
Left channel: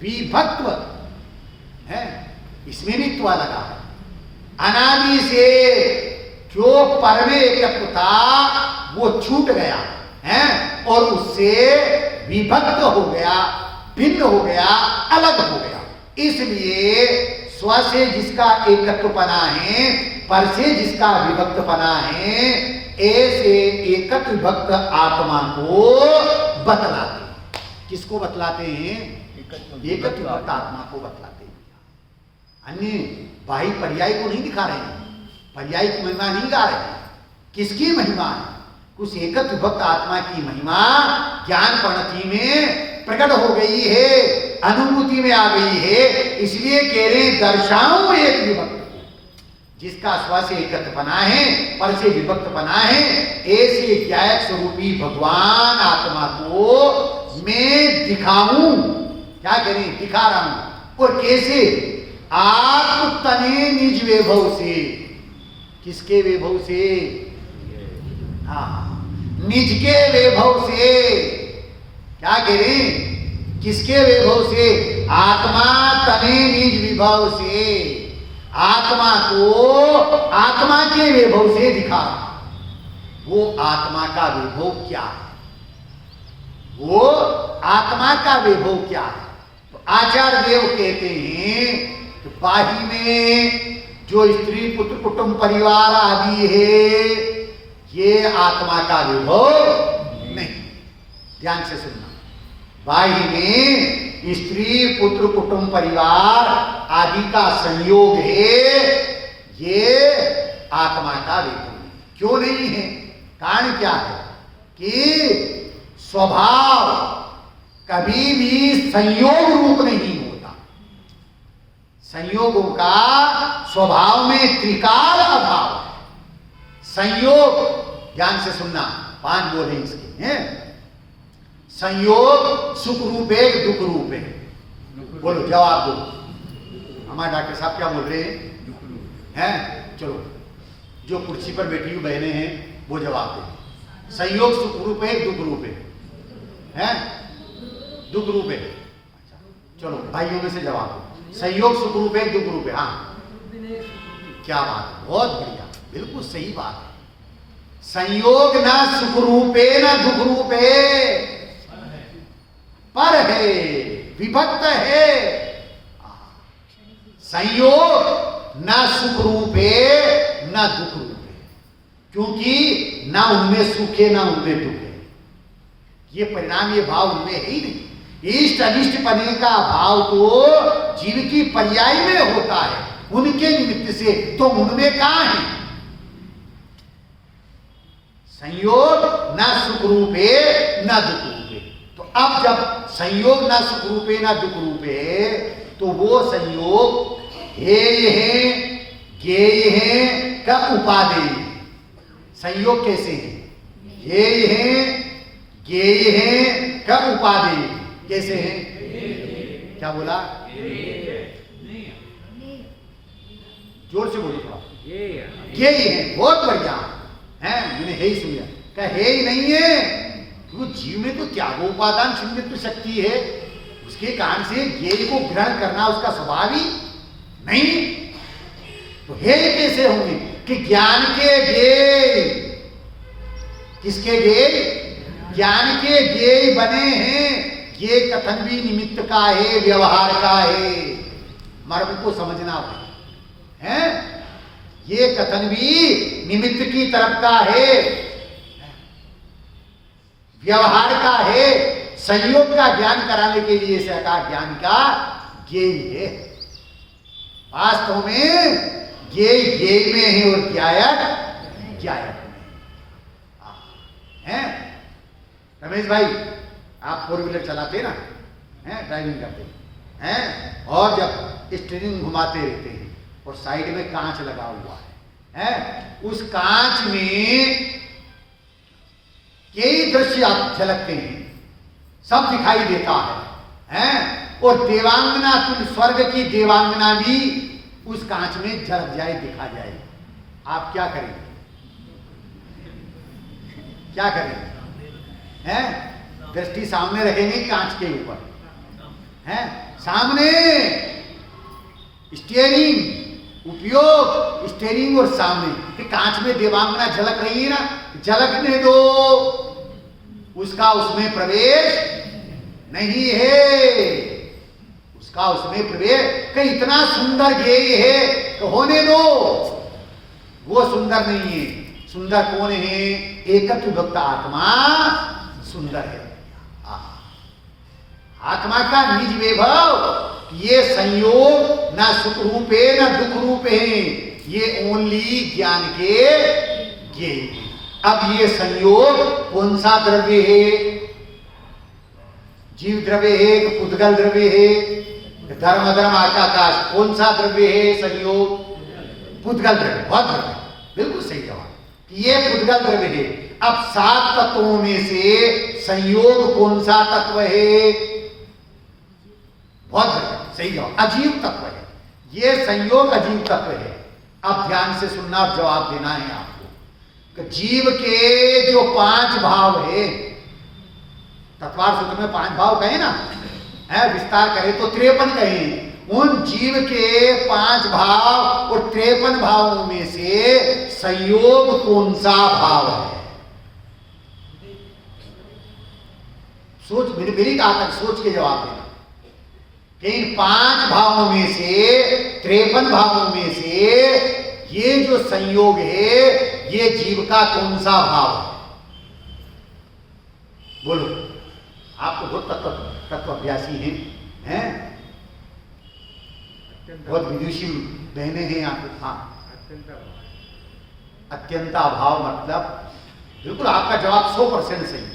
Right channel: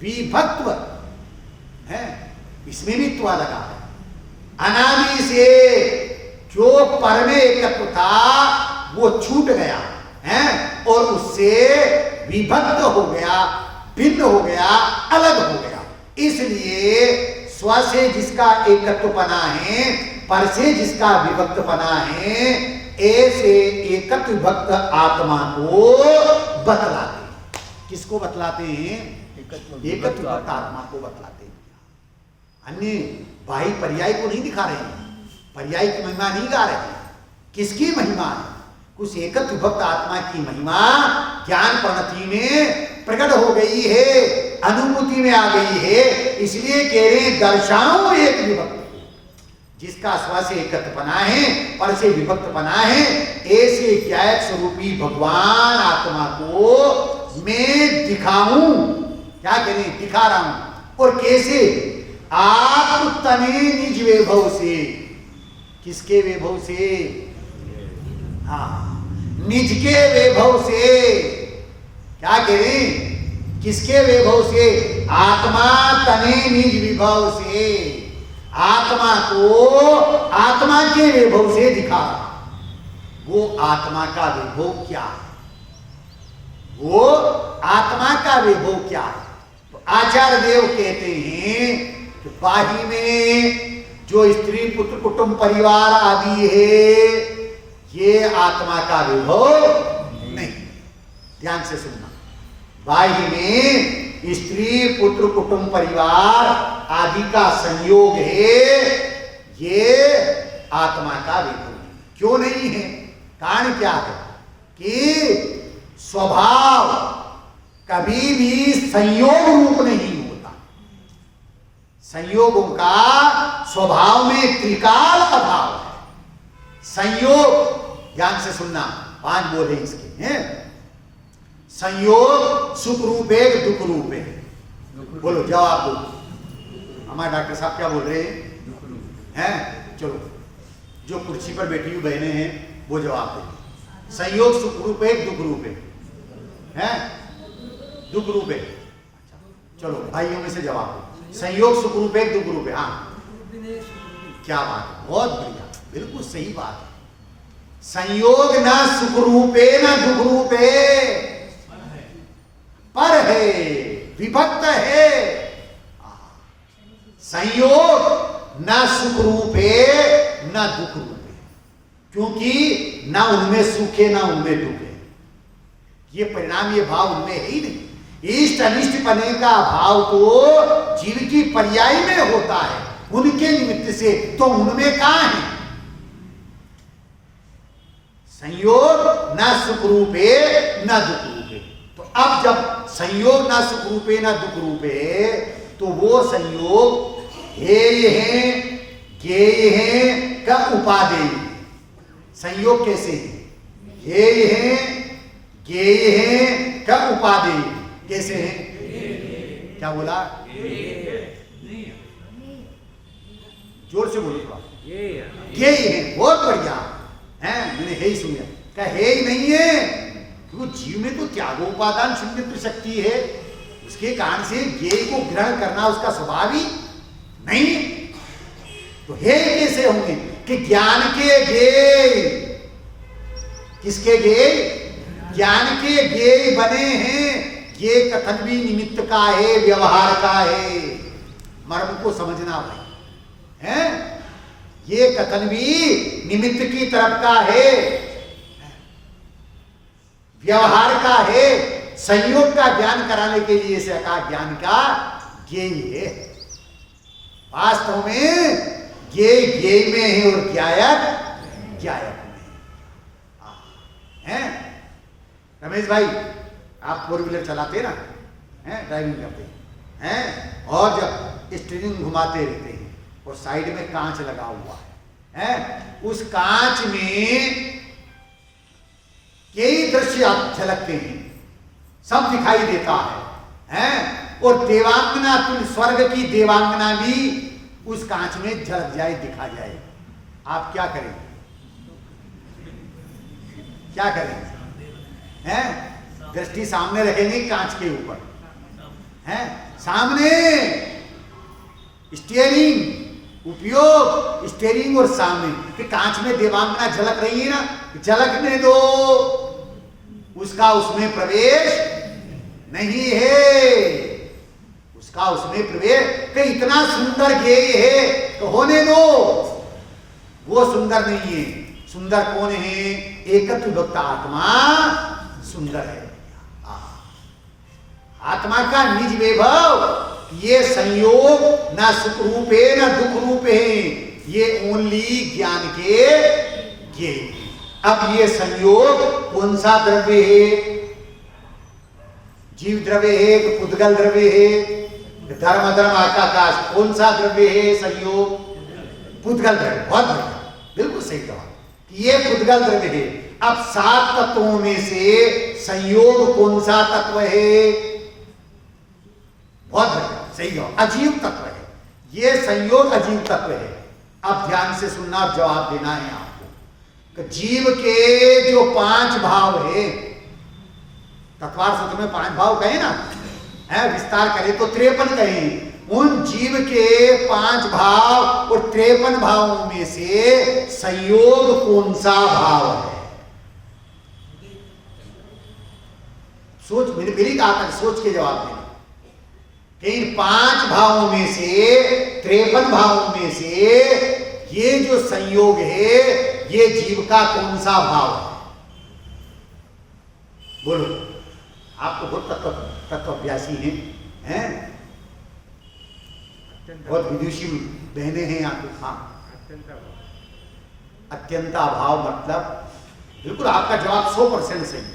विभक्त्व है, इसमें भी त्वा लगा है। अनादि से जो पर में एकत्व था वो छूट गया है और उससे विभक्त हो गया, भिन्न हो गया, अलग हो गया। इसलिए स्व से जिसका एकत्वपना है, पर से जिसका विभक्तपना है, ऐसे एकत्व विभक्त आत्मा को बतलाते हैं। किसको बतलाते हैं? एकत्व विभक्त आत्मा को बतलाते हैं। अन्य बाह्य पर्याय को नहीं दिखा रहे हैं, पर्याय की महिमा नहीं गा रहे हैं। किसकी महिमा है? कुछ एकत्व विभक्त आत्मा की महिमा ज्ञान प्रणति में प्रकट हो गई है, अनुभूति में आ गई है। इसलिए कह रहे दर्शाऊं एक विभक्त, जिसका स्व से एकत्वपना है, पर से विभक्तपना है, ऐसे ज्ञायक स्वरूपी भगवान आत्मा को मैं दिखाऊं। क्या कह रहे? दिखा रहा हूं। और कैसे? आप तने निज वैभव से। किसके वैभव से? हाँ, निज के वैभव से। क्या कह रहे? किसके वैभव से? आत्मा तने निज विभव से। आत्मा को आत्मा के वैभव से दिखा। वो आत्मा का वैभव क्या है? वो आत्मा का वैभव क्या है? तो आचार्य देव कहते हैं कि बाही में जो स्त्री पुत्र कुटुंब परिवार आदि है, ये आत्मा का वैभव नहीं। ध्यान से सुनना। बाही में स्त्री पुत्र कुटुंब परिवार आदि का संयोग है, ये आत्मा का वैभव नहीं। क्यों नहीं है? कारण क्या है? कि स्वभाव कभी भी संयोग रूप नहीं होता। संयोगों का स्वभाव में त्रिकाल अभाव है। संयोग, ध्यान से सुनना, 5 बोल है इसके हैं। संयोग सुख रूप है, दुख रूप है। बोलो, जवाब दो। हमारे डॉक्टर साहब क्या बोल रहे हैं? चलो, जो कुर्सी पर बैठी हुई बहनें हैं वो जवाब दें। संयोग सुख रूप है, दुख रूप है? दुख रूप है। अच्छा, चलो भाइयों में से जवाब दो। संयोग सुख रूप है, दुख रूप है? हाँ, क्या बात है, बहुत बढ़िया, बिल्कुल सही बात है। संयोग ना सुख रूप है ना दुख रूप है, पर है, विभक्त है। संयोग ना सुख रूप है ना दुख रूप है, क्योंकि ना उनमें सुख है ना उनमें दुख है। ये परिणाम, ये भाव उनमें है ही नहीं। इष्ट अनिष्ट पने का भाव तो जीव की पर्याय में होता है, उनके निमित्त से। तो उनमें कहां है? संयोग ना सुख रूप है ना दुख रूप है। तो अब जब संयोग ना सुख रूप है ना दुख रूप है, तो वो संयोग हेय है, ज्ञेय है का उपादेय है। संयोग कैसे है? हेय है, ज्ञेय है का उपादेय कैसे है? क्या बोला? जोर से बोलो थोड़ा। ज्ञेय है, बहुत बढ़िया। हैं, मैंने हे ही सुनिया, क्या हे ही नहीं है, क्योंकि जीव में तो त्यागोपादान शून्यत्व शक्ति है, उसके कारण से ज्ञेय को ग्रहण करना उसका स्वभाव ही नहीं, तो हे कैसे होंगे कि ज्ञान के ज्ञेय, किसके ज्ञेय, ज्ञान के ज्ञेय बने हैं, ये कथन भी निमित्त का है, व्यवहार का है, मर्म को समझना भाई हैं, ये कथन भी निमित्त की तरफ का है, व्यवहार का है, संयोग का ज्ञान कराने के लिए से का ज्ञान का ज्ञेय है, वास्तव में ज्ञेय ज्ञेय में है और ज्ञायक ज्ञायक में है। रमेश भाई आप 4 व्हीलर चलाते ना हैं, ड्राइविंग करते हैं, और जब स्टीयरिंग घुमाते रहते हैं और साइड में कांच लगा हुआ है, उस कांच में कई दृश्य आप झलकते हैं, सब दिखाई देता है, और देवांगना, तुम स्वर्ग की देवांगना भी उस कांच में झलक जाए, दिखा जाए, आप क्या करेंगे, क्या करेंगे हैं? दृष्टि सामने रखेंगे कांच के ऊपर हैं, सामने स्टीयरिंग उपयोग, स्टीयरिंग और सामने कि कांच में देवांगना झलक रही है ना, झलकने दो, उसका उसमें प्रवेश नहीं है, उसका उसमें प्रवेश, कि इतना सुंदर ज्ञेय है तो होने दो, वो सुंदर नहीं है, सुंदर कौन है, एकत्व विभक्त आत्मा सुंदर है, आत्मा का निज वैभव, ये संयोग न सुख रूप है न दुख रूप है, ये ओनली ज्ञान के ज्ञेय। अब ये संयोग कौन सा द्रव्य है, जीव द्रव्य है कि पुद्गल द्रव्य है, धर्म अधर्म आकाश, कौन सा द्रव्य है संयोग, पुद्गल द्रव्य, बहुत बढ़िया, बिल्कुल सही जवाब, ये पुद्गल द्रव्य है। अब 7 तत्वों में से संयोग कौन सा तत्व है, बहुत बढ़िया, सही जवाब, अजीव तत्व है, ये संयोग अजीव तत्व है। अब ध्यान से सुनना और जवाब देना है आपको कि जीव के जो 5 भाव है, तत्वार सूत्र में 5 भाव कहे ना, है विस्तार करें तो 53 कहे, उन जीव के 5 भाव और 53 भावों में से संयोग कौन सा भाव है, सोच, मैंने फिर कहा था सोच के जवाब देना, इन 5 भावों में से 53 भावों में से ये जो संयोग है, ये जीव का कौन सा भाव है, बोलो, आप तो बहुत तत्वाभ्यासी हैं, बहुत विदुषी बहने हैं आप, हाँ, अत्यंत अभाव मतलब बिल्कुल आपका जवाब 100% सही है,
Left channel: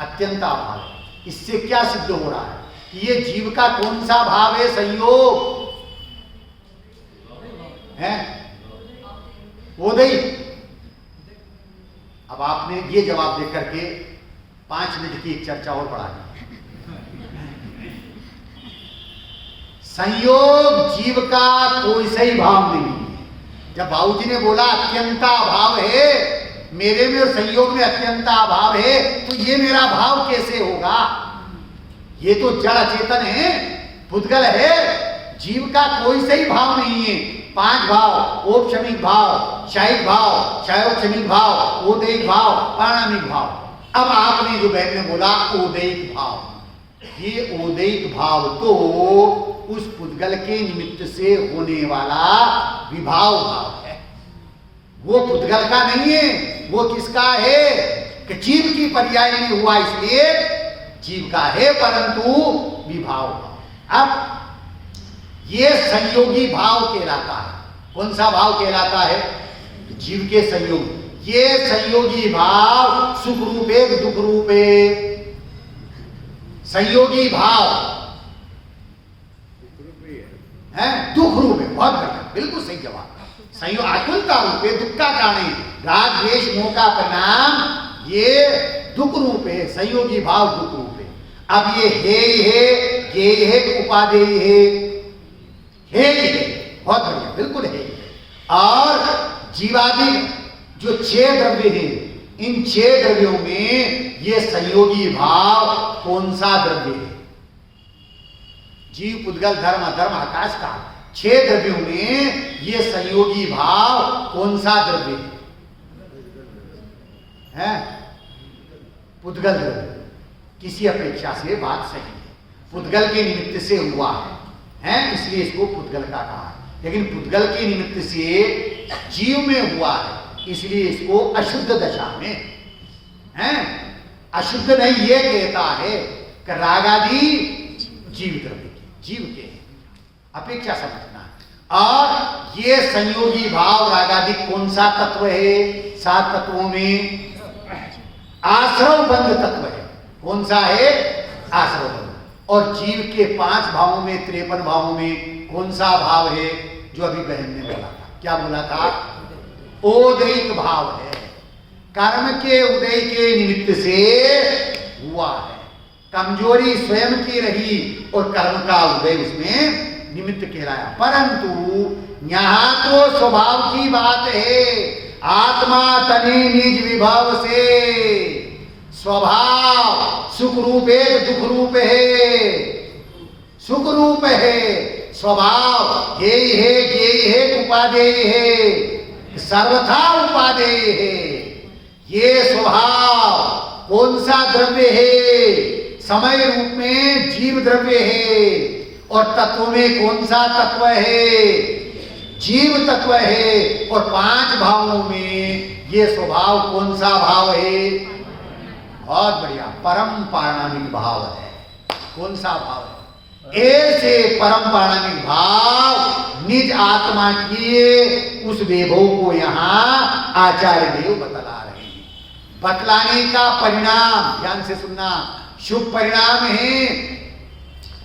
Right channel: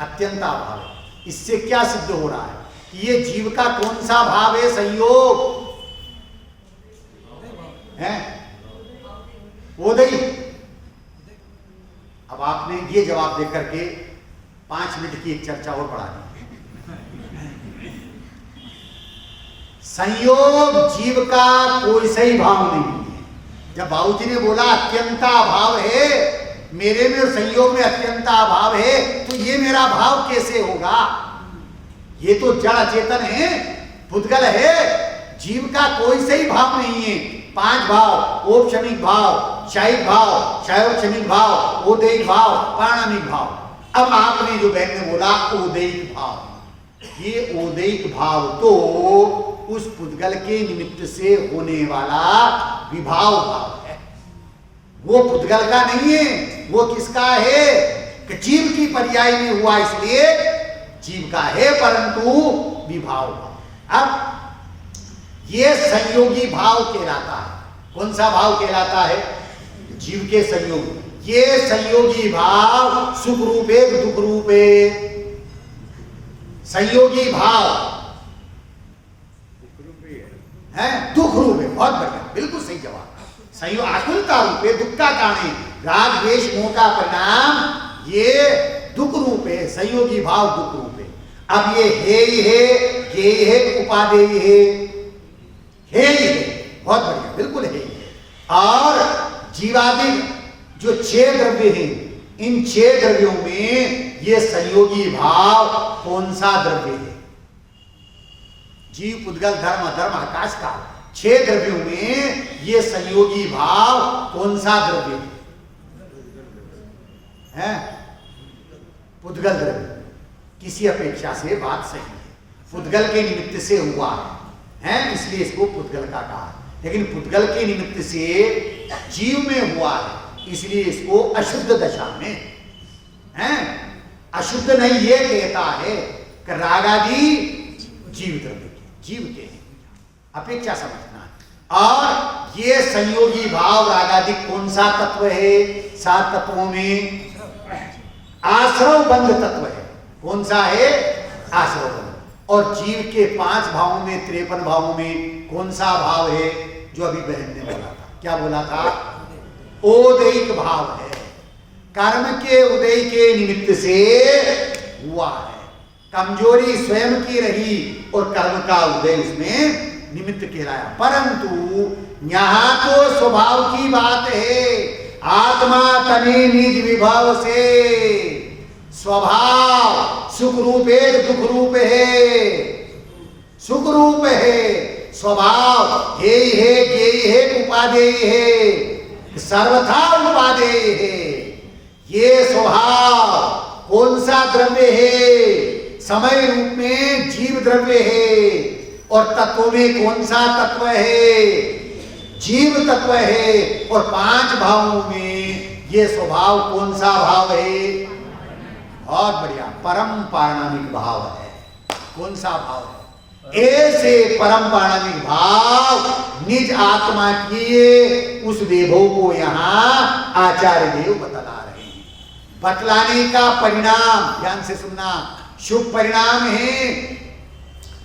अत्यंत अभाव, इससे क्या सिद्ध हो रहा है कि ये जीव का कौन सा भाव है, संयोग है, ओदयी। अब आपने ये जवाब दे करके 5 मिनट की एक चर्चा और बढ़ा दी, संयोग जीव का कोई सही भाव नहीं है। जब बाबूजी ने बोला अत्यंता भाव है मेरे में, संयोग में अत्यंता भाव है, तो ये मेरा भाव कैसे होगा, ये तो जड़ अचेतन है, पुद्गल है, जीव का कोई सही भाव नहीं है। 5 भाव, औपशमिक भाव, क्षयिक भाव, क्षयोपशमिक भाव, उदैहिक भाव, पारणामिक भाव। अब आपने जो बहन ने बोला उदैहिक भाव, ये उदैहिक भाव तो उस पुद्गल के निमित्त से होने वाला विभाव भाव है, वो पुद्गल का नहीं है, वो किसका है कि जीव की पर्याय में हुआ, इसलिए जीव का है, परंतु विभाव भाव। अब ये संयोगी भाव कहलाता है, कौन सा भाव कहलाता है, जीव के संयोग, ये संयोगी भाव सुख रूप है दुख रूप है, संयोगी भाव है दुख रूप है, बहुत बढ़िया, बिल्कुल सही जवाब, संयोग आकुलता रूप है, दुख का कारण है, राग द्वेष मोह का परिणाम ये दुख रूप है, संयोगी भाव दुख रूप है। अब ये है उपादेय है, बहुत बढ़िया, बिल्कुल है, और जीवादि जो 6 द्रव्य हैं, इन 6 द्रव्यों में ये संयोगी भाव कौन सा द्रव्य है? जीव, पुद्गल, धर्म, अधर्म, आकाश काल, 6 द्रव्यों में ये संयोगी भाव कौन सा द्रव्य है? पुद्गल द्रव्य। किसी अपेक्षा से बात सही है, पुद्गल के निमित्त से हुआ है, इसलिए इसको पुद्गल का कहा। लेकिन पुद्गल के निमित्त से जीव में हुआ है, इसलिए इसको अशुद्ध दशा में है। अशुद्ध नहीं ये कहता है कि रागादि जीव द्रव्य के, जीव के हैं, अपेक्षा समझना। और ये संयोगी भाव रागादि कौन सा तत्व है? 7 तत्वों में आश्रव बंध तत्व है। कौन सा है? आश्रव बंध। और जीव के 5 भावों में, 53 भावों में कौन सा भाव है? जो अभी बहन ने बोला था, क्या बोला था? ओदैक भाव है। कर्म के उदय के निमित्त से हुआ है। कमजोरी स्वयं की रही और कर्म का उदय उसमें निमित्त कहलाया। परंतु यहां तो स्वभाव की बात है। आत्मा तने निज विभव से स्वभाव सुख रूप है, दुख रूप है, सुख रूप है। स्वभाव यही है, यही है, उपादेय है, सर्वथा उपादेय है। ये स्वभाव कौन सा द्रव्य है? समय रूप में जीव द्रव्य है। और तत्व में कौन सा तत्व है? जीव तत्व है। और 5 भावों में ये स्वभाव कौन सा भाव है? बहुत बढ़िया, परम पारणामिक भाव है। कौन सा भाव है? ऐसे परम पारणामिक भाव निज आत्मा के उस वैभव को यहाँ आचार्य देव बतला रहे हैं। बतलाने का परिणाम ध्यान से सुनना, शुभ परिणाम है,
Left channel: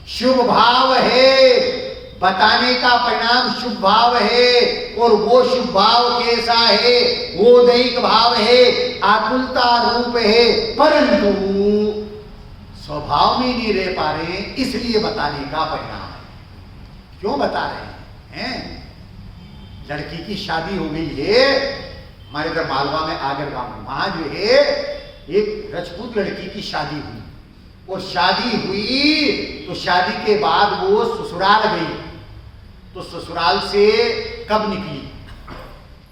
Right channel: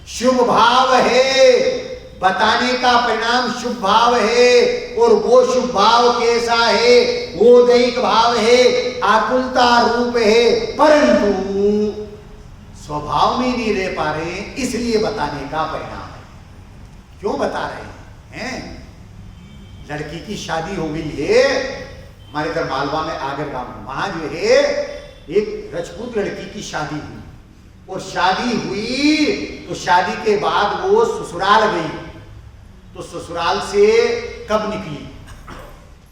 शुभ भाव है। बताने का परिणाम शुभ भाव है। और वो शुभ भाव कैसा है? वो दैहिक भाव है, आकुलता रूप है। परंतु स्वभाव में नहीं रह पा रहे, इसलिए बताने का परिणाम है। क्यों बता रहे हैं? लड़की की शादी हो गई है हमारे इधर मालवा में, आगर गांव में। वहां जो है एक राजपूत लड़की की शादी हुई। और शादी हुई तो शादी के बाद वो ससुराल गई। तो ससुराल से कब निकली,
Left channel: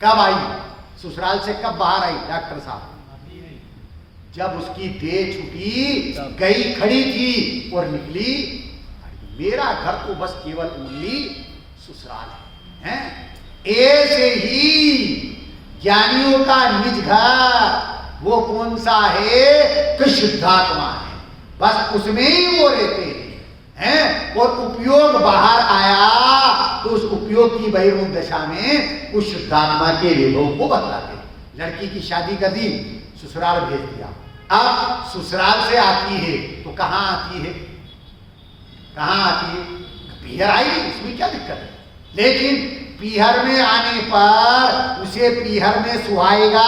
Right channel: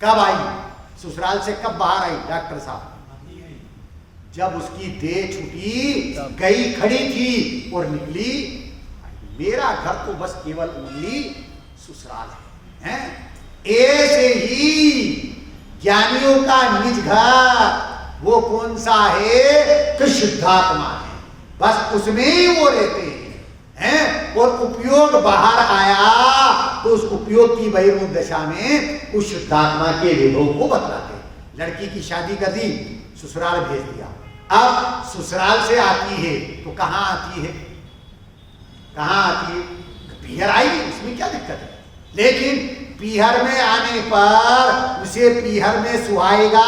कब आई, ससुराल से कब बाहर आई? डॉक्टर साहब, जब उसकी देह छूटी, गई खड़ी थी और निकली। मेरा घर तो बस केवल ओनली ससुराल है। ऐसे ही ज्ञानियों का निज घर वो कौन सा है? कि शुद्धात्मा है। बस उसमें ही वो रहते हैं। और उपयोग बाहर आया तो उस उपयोग की बहिर्मुख दशा में उस शुद्धात्मा के वैभव को बतलाते। लड़की की शादी कर दी, ससुराल भेज दिया। अब ससुराल से आती है तो कहाँ आती है? कहाँ आती है? पीहर आएगी, उसमें क्या दिक्कत है? लेकिन पीहर में आने पर उसे पीहर में सुहाएगा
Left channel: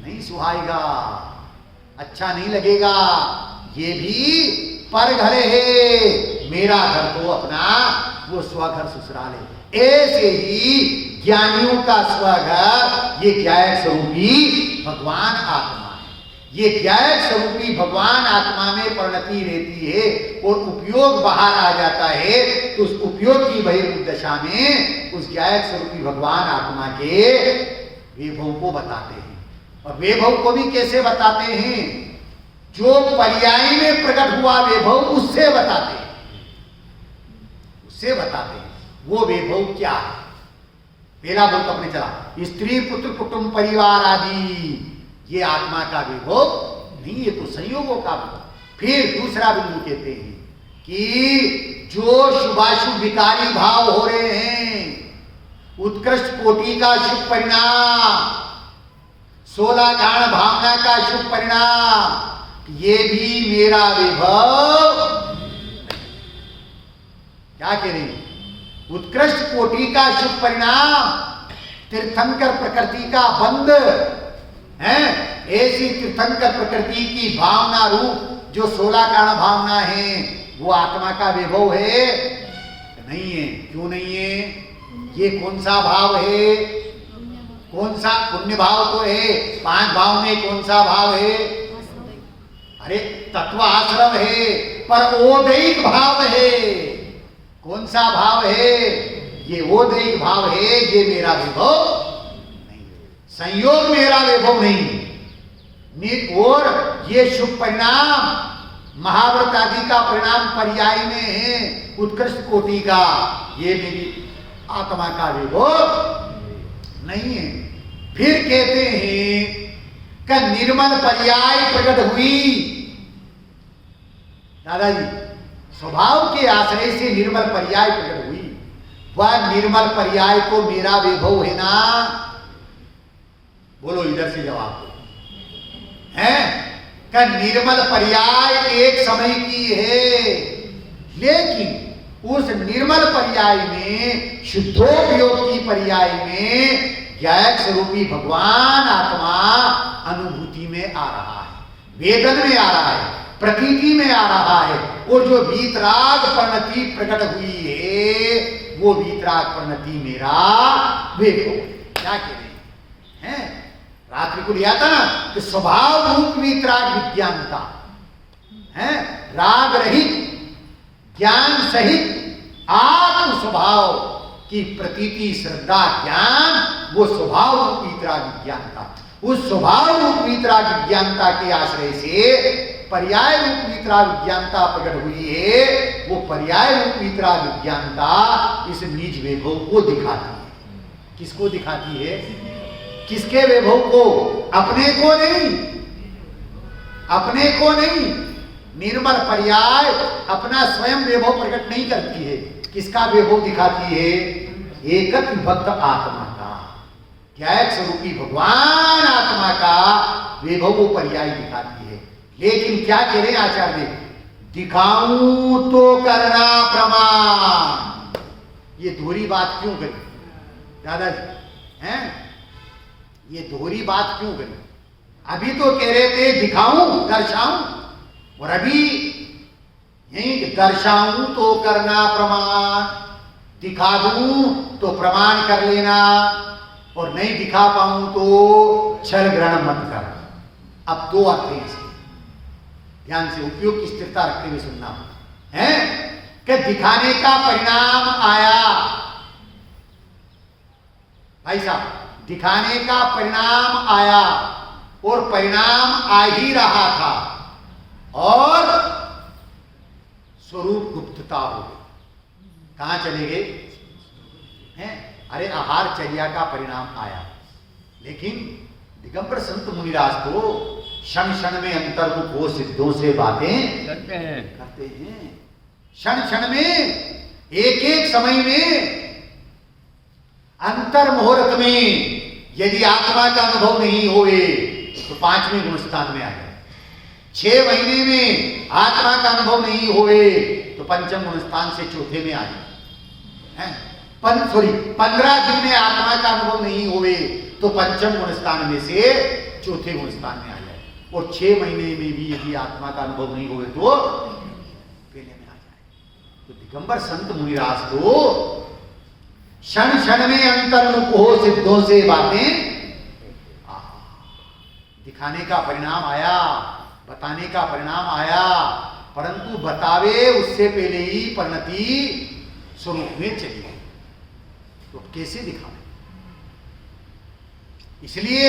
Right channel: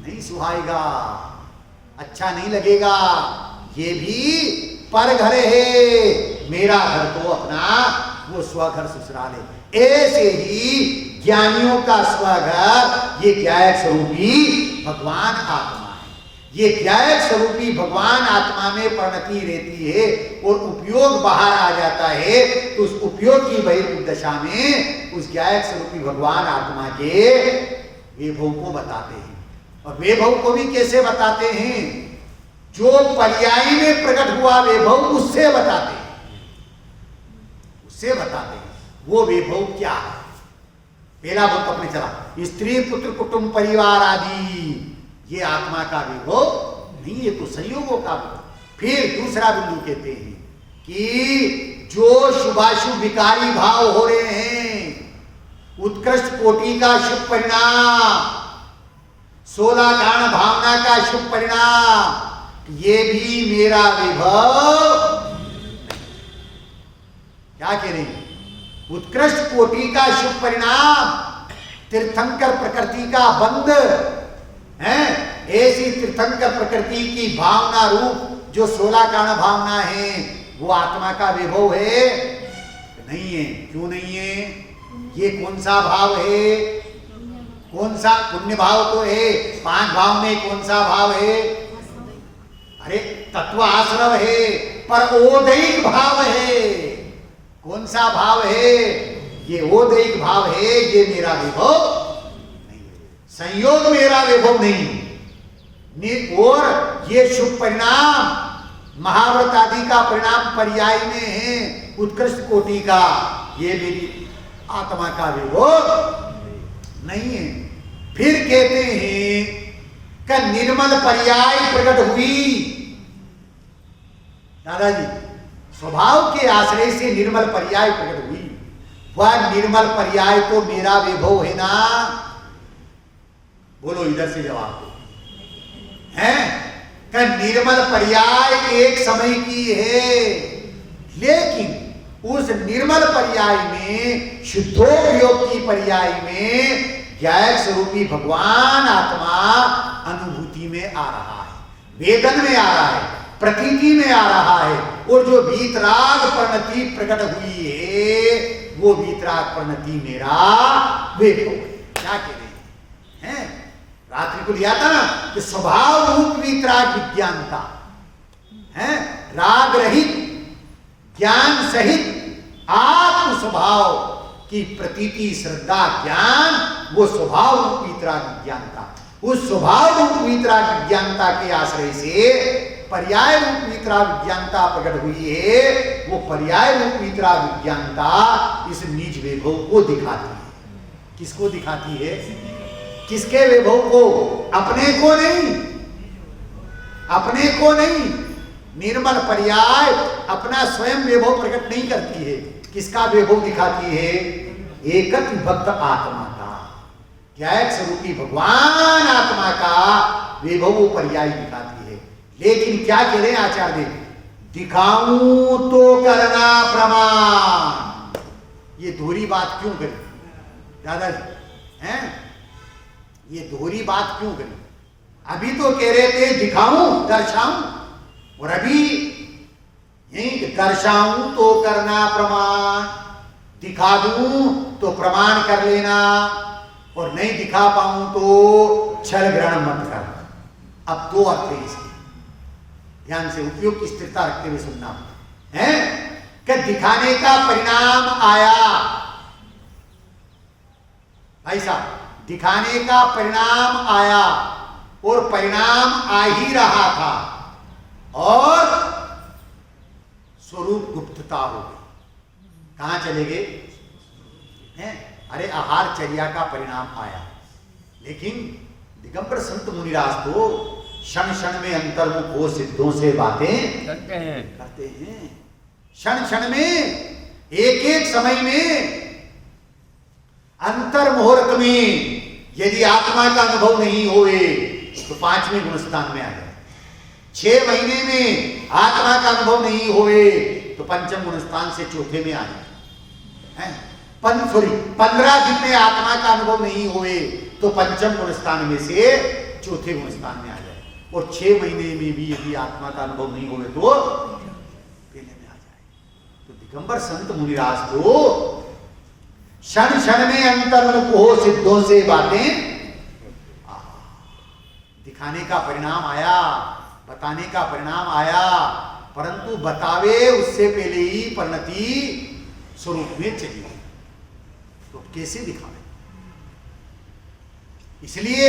नहीं? सुहाएगा, अच्छा नहीं लगेगा। ये भी पर घर है, मेरा घर तो अपना वो स्वघर ससुराल है। ऐसे ही ज्ञानियों का स्वघर ये ज्ञायक स्वरूपी भगवान आत्मा है। ये ज्ञायक स्वरूपी भगवान आत्मा में परिणति रहती है और उपयोग बाहर आ जाता है। तो उस उपयोग की बहिर्मुख दशा में उस ज्ञायक स्वरूपी भगवान आत्मा के वैभव को बताते हैं। और वैभव को भी कैसे बताते हैं? जो पर्याय में प्रकट हुआ वैभव उससे बताते हैं, उससे बताते हैं वो वैभव क्या है। पहला बिंदु अपने चला, स्त्री पुत्र कुटुंब परिवार आदि, ये आत्मा का वैभव नहीं, ये तो संयोगों का वैभव। फिर दूसरा बिंदु कहते हैं कि जो शुभाशुभ विकारी भाव हो रहे हैं, उत्कृष्ट कोटि का शुभ परिणाम, 16 कारण भावना का शुभ परिणाम, ये भी मेरा वैभव। क्या कह रही? उत्कृष्ट कोटि का शुभ परिणाम, तीर्थंकर प्रकृति का बंध है। ऐसी तीर्थंकर प्रकृति की भावना रूप जो 16 कारण भावना है वो आत्मा का वैभव है? नहीं है। क्यों नहीं है? ये कौन सा भाव है? कौन सा पुण्य भाव तो है, 5 भाव में कौन सा भाव है? अरे तत्व आश्रव है, पर ओदैहिक भाव है। कौन सा भाव है? ये ओदैहिक भाव है, ये मेरा विभव नहीं, संयोग मेरा विभव नहीं। और ये शुभ परिणाम महाव्रत आदि का परिणाम पर्याय में है उत्कृष्ट कोटि का, ये मेरी आत्मा का विभव नहीं है। फिर कहते हैं कि निर्मल पर्याय प्रकट हुई। दादाजी, स्वभाव के आश्रय से निर्मल पर्याय प्रकट हुई। वह निर्मल पर्याय तो मेरा विभव है ना? बोलो इधर से जवाब दो। है कि निर्मल पर्याय एक समय की है, लेकिन उस निर्मल पर्याय में, शुद्धोपयोग की पर्याय में ज्ञायक स्वरूपी भगवान आत्मा अनुभूति में आ रहा है, वेदन में आ रहा है, प्रतीति में आ रहा है। और जो वीतराग परिणति प्रकट हुई है, वो वीतराग परिणति मेरा विभव है। क्या कह रहे हैं? रात्रि को लिया था ना कि स्वभाव रूप वीतराग विज्ञानता है, राग रहित ज्ञान सहित आत्म स्वभाव की प्रतीति, श्रद्धा, ज्ञान, वो स्वभाव रूप वीतराग विज्ञानता। उस स्वभाव रूप वीतराग विज्ञानता के आश्रय से पर्याय रूप वीतराग विज्ञानता प्रकट हुई है। वो पर्याय रूप वीतराग विज्ञानता इस निज वैभव को दिखाती है। किसको दिखाती है? किसके वैभव को? अपने को नहीं, अपने को नहीं। निर्मल पर्याय अपना स्वयं वैभव प्रकट नहीं करती है। किसका वैभव दिखाती है? एकत्व विभक्त आत्मा का, ज्ञायक स्वरूपी भगवान आत्मा का वैभव वो पर्याय दिखाती है। लेकिन क्या कह रहे हैं आचार्य देव? दिखाऊं तो करना प्रमाण। ये दोहरी बात क्यों करी दादाजी? हैं? ये दोहरी बात क्यों करी? अभी तो कह रहे थे दिखाऊं, दर्शाऊं, और अभी यही दर्शाऊं तो करना प्रमाण, दिखा दूं तो प्रमाण कर लेना, और नहीं दिखा पाऊं तो छल ग्रहण मत कर। अब 2 अर्थ है इसके, ध्यान से उपयोग की स्थिरता रखते हुए सुनना है कि दिखाने का परिणाम आया। भाई साहब, दिखाने का परिणाम आया और परिणाम आ ही रहा था, और स्वरूप गुप्तता हो गई। कहां चले गए हैं? अरे आहार चर्या का परिणाम आया, लेकिन दिगंबर संत मुनिराज तो क्षण क्षण में अंतर्मुख हो सिद्धों से बातें करते हैं। क्षण क्षण में, एक एक समय में, अंतर मुहूर्त में यदि आत्मा का अनुभव नहीं होए तो 5वें गुणस्थान में आ जाए। 6 महीने में आत्मा का अनुभव नहीं होए तो 5वें गुणस्थान से 4थे में आ जाए। 15 दिन में आत्मा का अनुभव नहीं होए तो 5वें गुणस्थान में से 4थे गुणस्थान में आ जाए। और 6 महीने में भी यदि आत्मा का अनुभव नहीं होए तो पहले में आ जाए। तो दिगंबर संत मुनिराज को क्षण क्षण में अंतर्मुख हो सिद्धों से बातें दिखाने का परिणाम आया, बताने का परिणाम आया, परंतु बतावे उससे पहले ही परिणति स्वरूप में चली गई। तो कैसे दिखावे? इसलिए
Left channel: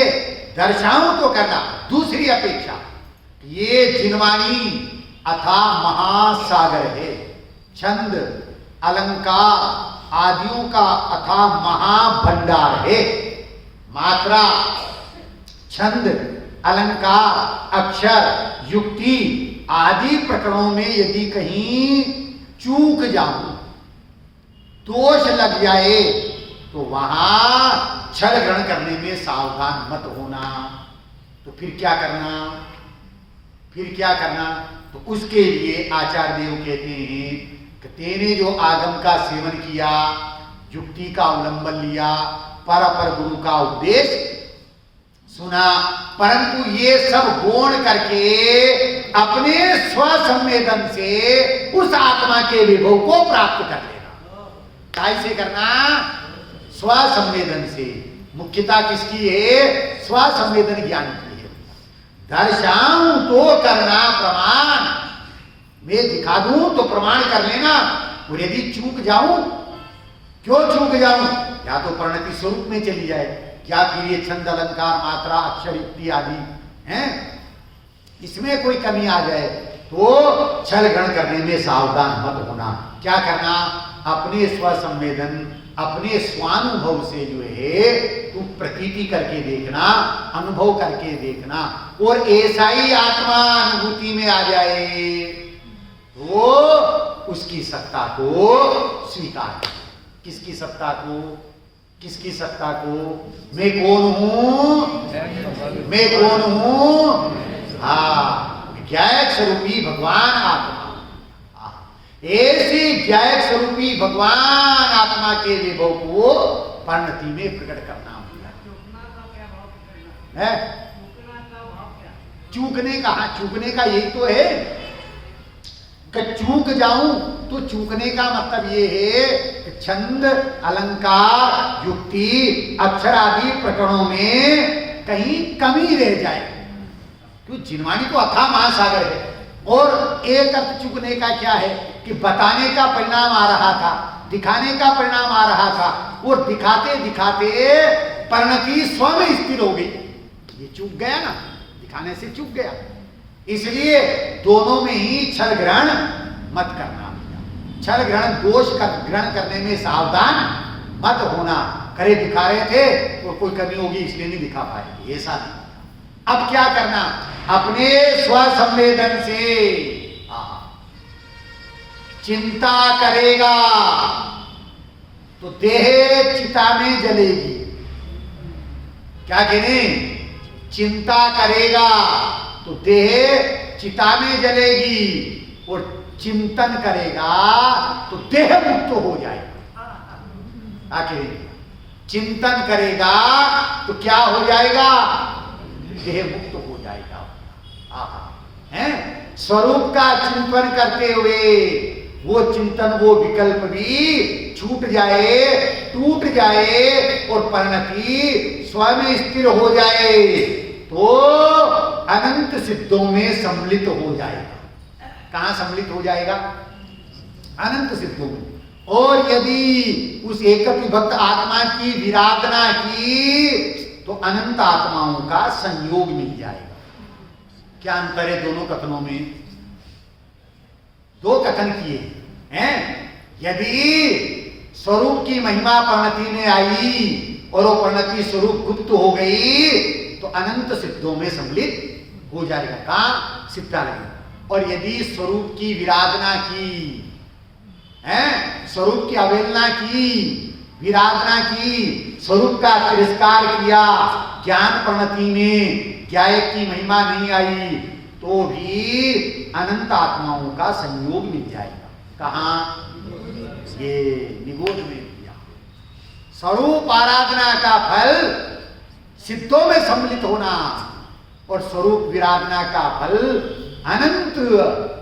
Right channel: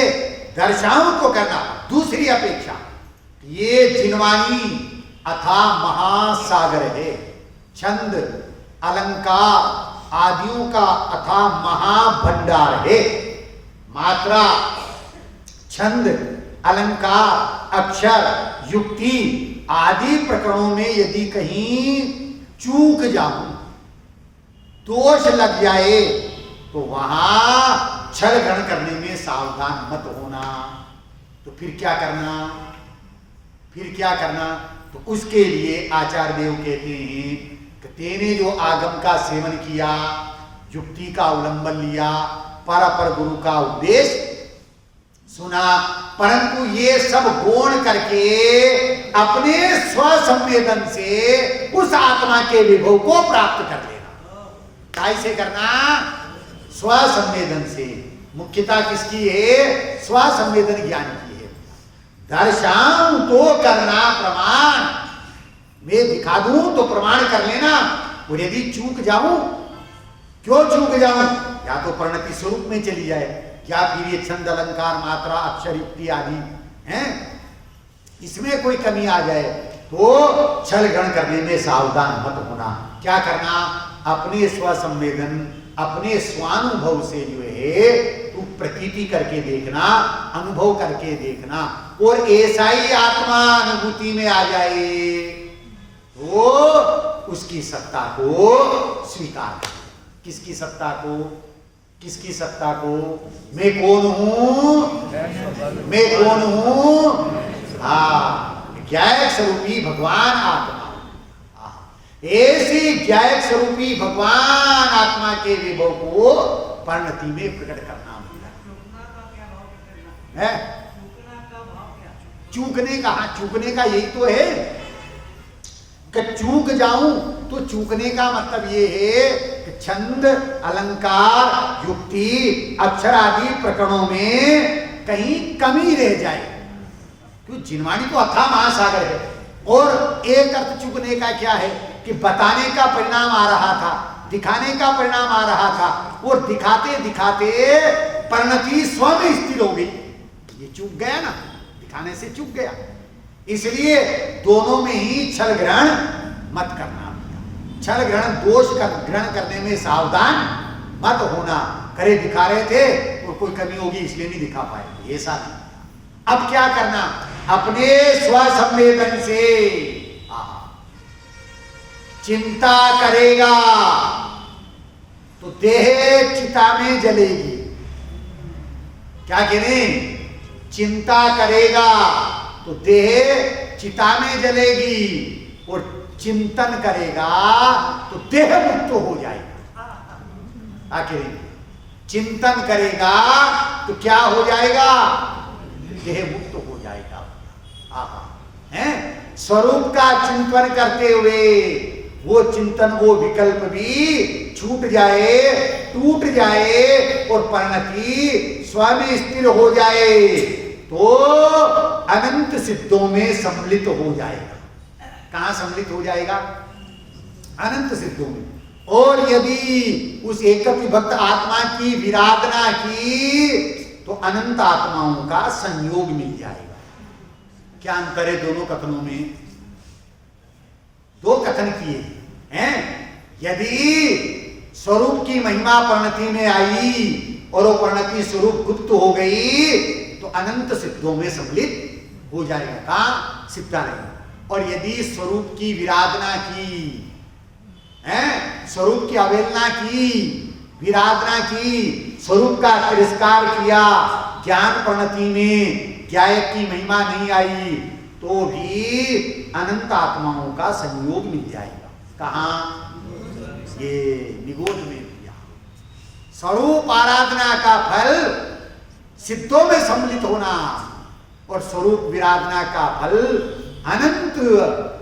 दर्शाऊं तो करना। दूसरी अपेक्षा, ये जिनवाणी अथा महासागर है, छंद अलंकार आदियों का अथा महाभंडार है। मात्रा, छंद, अलंकार, अक्षर, युक्ति आदि प्रकरणों में यदि कहीं चूक जाऊं, दोष लग जाए, तो वहां छल ग्रहण करने में सावधान मत होना। तो फिर क्या करना? फिर क्या करना? तो उसके लिए आचार्य देव कहते हैं कि तेने जो आगम का सेवन किया, युक्ति का अवलंबन लिया, पर अपर गुरु का उपदेश सुना, परंतु ये सब गौण करके अपने स्वसंवेदन से उस आत्मा के विभव को प्राप्त कर लेना। कैसे करना? स्वसंवेदन से मुख्यता किसकी है? स्वसंवेदन ज्ञान की है। दर्शाऊं तो करना प्रमाण, मैं दिखा दूं तो प्रमाण कर लेना। और यदि चूक जाऊं, क्यों चूक जाऊं? या तो परिणति स्वरूप में चली जाए, या फिर ये छंद अलंकार मात्रा अक्षर युक्ति आदि हैं, इसमें कोई कमी आ जाए तो छल ग्रहण करने में सावधान मत होना। क्या करना? अपने स्वसंवेदन, अपने स्वानुभव से जो है तू प्रतीति करके देखना, अनुभव करके देखना। और ऐसा ही आत्मा अनुभूति में आ जाए तो उसकी सत्ता को स्वीकार कर। किसकी सत्ता को? किसकी सत्ता को? मैं कौन हूं? मैं कौन हूं? हाँ, ज्ञायक स्वरूपी भगवान आत्मा। ऐसी ज्ञायक स्वरूपी भगवान आत्मा के विभव को परिणति में प्रकट करना है। चूकने का, हाँ चूकने का यही तो है कि चूक जाऊं तो चूकने का मतलब ये है कि छंद अलंकार युक्ति अक्षर आदि प्रकरणों में कहीं कमी रह जाए। क्योंकि जिनवाणी तो अथाह महासागर है। और एक अर्थ चूकने का क्या है कि बताने का परिणाम आ रहा था, दिखाने का परिणाम आ रहा था, और दिखाते दिखाते परिणति स्वयं स्थिर हो गई। ये चूक गया ना, दिखाने से चूक गया। इसलिए दोनों में ही छल ग्रहण मत करना। छल ग्रहण दोष ग्रहण करने में सावधान मत होना। करे दिखा रहे थे और कोई कमी होगी इसलिए नहीं दिखा पाएंगे, ऐसा नहीं। अब क्या करना? अपने स्वसंवेदन से चिंता करेगा तो देह चिता में जलेगी। क्या करें? चिंता करेगा तो देह चिता में जलेगी, और चिंतन करेगा तो देह मुक्त हो जाएगा। आखिर चिंतन करेगा तो क्या हो जाएगा? देह मुक्त हो जाएगा। हैं? स्वरूप का चिंतन करते हुए वो चिंतन, वो विकल्प भी छूट जाए, टूट जाए और परिणति स्वयं स्थिर हो जाए तो अनंत सिद्धों में सम्मिलित हो जाएगा। कहां सम्मिलित हो जाएगा? अनंत सिद्धों में। और यदि उस एक विभक्त आत्मा की विराधना की तो अनंत आत्माओं का संयोग मिल जाएगा। क्या अंतर है दोनों कथनों में? दो कथन किए हैं। यदि स्वरूप की महिमा परिणति में आई और वो परिणति स्वरूप गुप्त हो गई तो अनंत सिद्धों में सम्मिलित हो जाएगा। कहां? सिद्धालय में। और यदि स्वरूप की विराधना की, हैं, स्वरूप की अवहेलना की, विराधना की, स्वरूप का तिरस्कार किया, ज्ञान परिणति में ज्ञायक की महिमा नहीं आई तो भी अनंत आत्माओं का संयोग मिल जाएगा। कहां? ये निगोध में दिया। स्वरूप आराधना का फल सिद्धों में सम्मिलित होना और स्वरूप विराधना का फल अनंत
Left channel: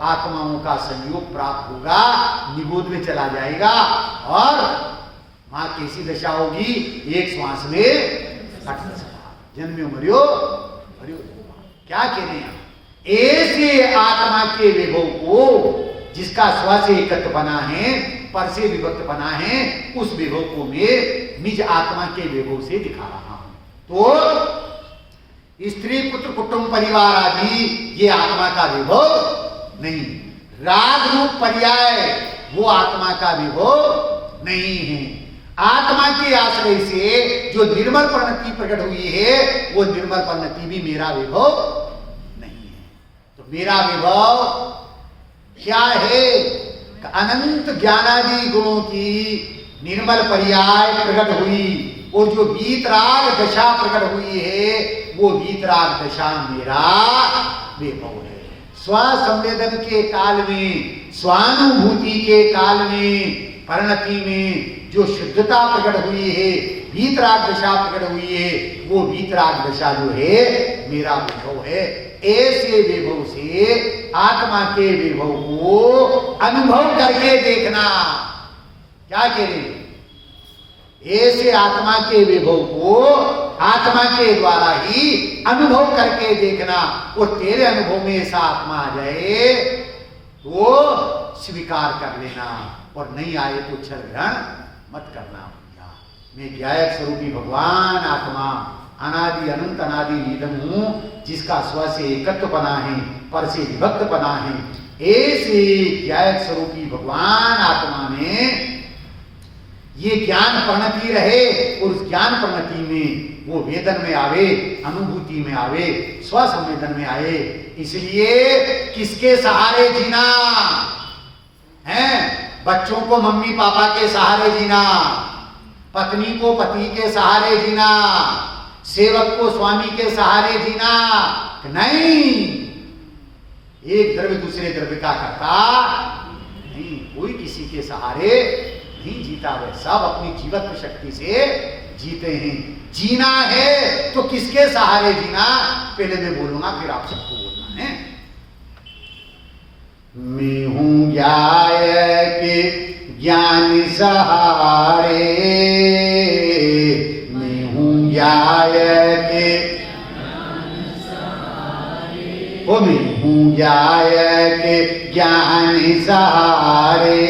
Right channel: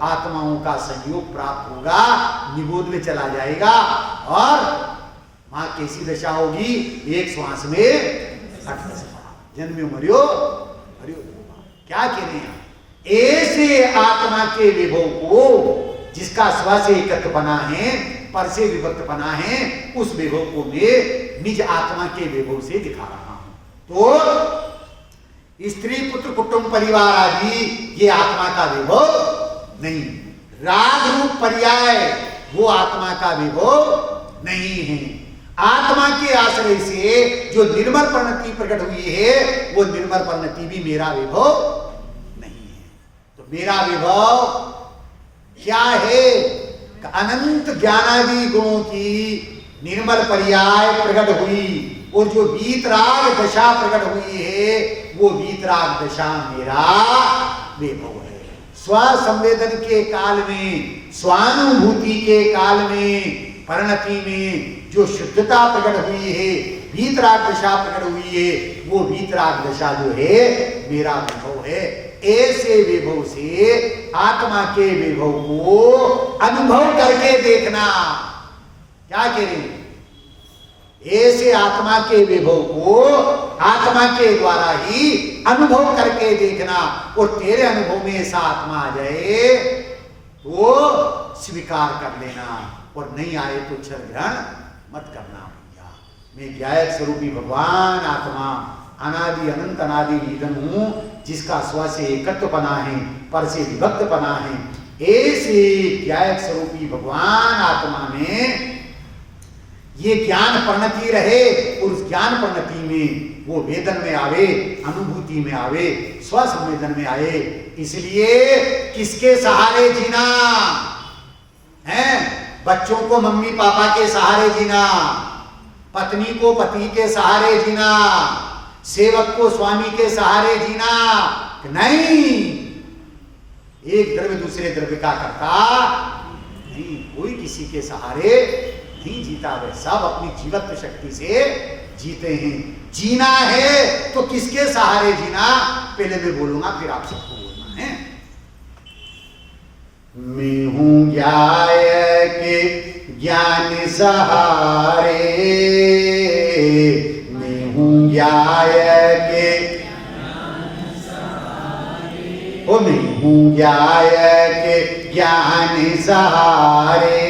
आत्माओं का संयोग प्राप्त होगा, निगोध में चला जाएगा। और मां कैसी दशा होगी? एक श्वास में 28 जन्म्यो मरियो हरियो। क्या कह रहे हैं? ऐसे आत्मा के विभव को जिसका स्व से एकत्व बना है, पर से विभक्त बना है, उस विभव को मैं निज आत्मा के विभव से दिखा रहा हूं। तो स्त्री पुत्र कुटुंब परिवार आदि ये आत्मा का विभव नहीं। राग रूप पर्याय वो आत्मा का विभव नहीं है। आत्मा के आश्रय से जो निर्मल परिणति प्रकट हुई है वो निर्मल परिणति भी मेरा विभव नहीं है। तो मेरा विभव क्या है? अनंत ज्ञानादि गुणों की निर्मल पर्याय प्रकट हुई और जो वीतराग दशा प्रकट हुई है वो वीतराग दशा मेरा विभव है। स्वसंवेदन के काल में, स्वानुभूति के काल में, परिणति में जो शुद्धता प्रकट हुई है, वीतराग दशा प्रकट हुई है, वो वीतराग दशा जो है मेरा विभव है। ऐसे विभव से आत्मा के विभव को अनुभव करके देखना। क्या कह रहे? ऐसे आत्मा के विभव को आत्मा के द्वारा ही अनुभव करके देखना, और तेरे अनुभव में ऐसा आत्मा आ जाए तो स्वीकार कर लेना, और नहीं आए तो छल ग्रहण मत करना भैया। मैं ज्ञायक स्वरूपी भगवान आत्मा अनादि अनंत अनादि निधन हूं, जिसका स्व से एकत्व बना है, पर से विभक्त बना है। ऐसे ज्ञायक स्वरूपी भगवान आत्मा में ये ज्ञान परिणति रहे, और उस ज्ञान परिणति में वो वेदन में आवे, अनुभूति में आवे, स्व संवेदन में आए। इसलिए किसके सहारे जीना है? बच्चों को मम्मी पापा के सहारे जीना, पत्नी को पति के सहारे जीना, सेवक को स्वामी के सहारे जीना नहीं। एक द्रव्य दूसरे द्रव्य का करता नहीं, कोई किसी के सहारे नहीं जीता। वे सब अपनी जीवत्व शक्ति से जीते हैं। जीना है तो किसके सहारे जीना, पहले मैं बोलूंगा फिर आप सबको बोलना है। मैं हूं ज्ञायक ज्ञान सहारे, मैं हूं ज्ञायक ओ मैं हूं ज्ञायक ज्ञान सहारे,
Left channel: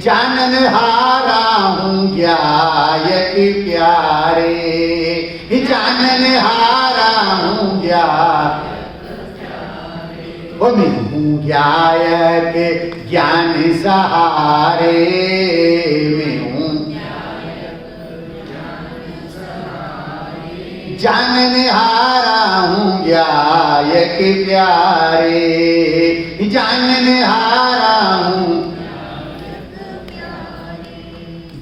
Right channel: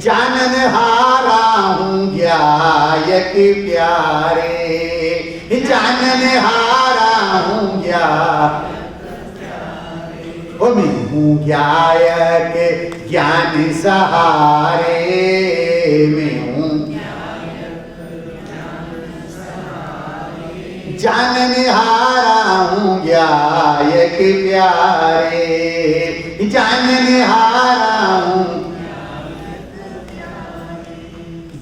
जानन हारा हूं ज्ञायक प्यारे, जानन हारा हूं ओ मैं हूं ज्ञायक ज्ञान सहारे, मैं हूं जानन हारा हूं ज्ञायक प्यारे, जानन हारा हूं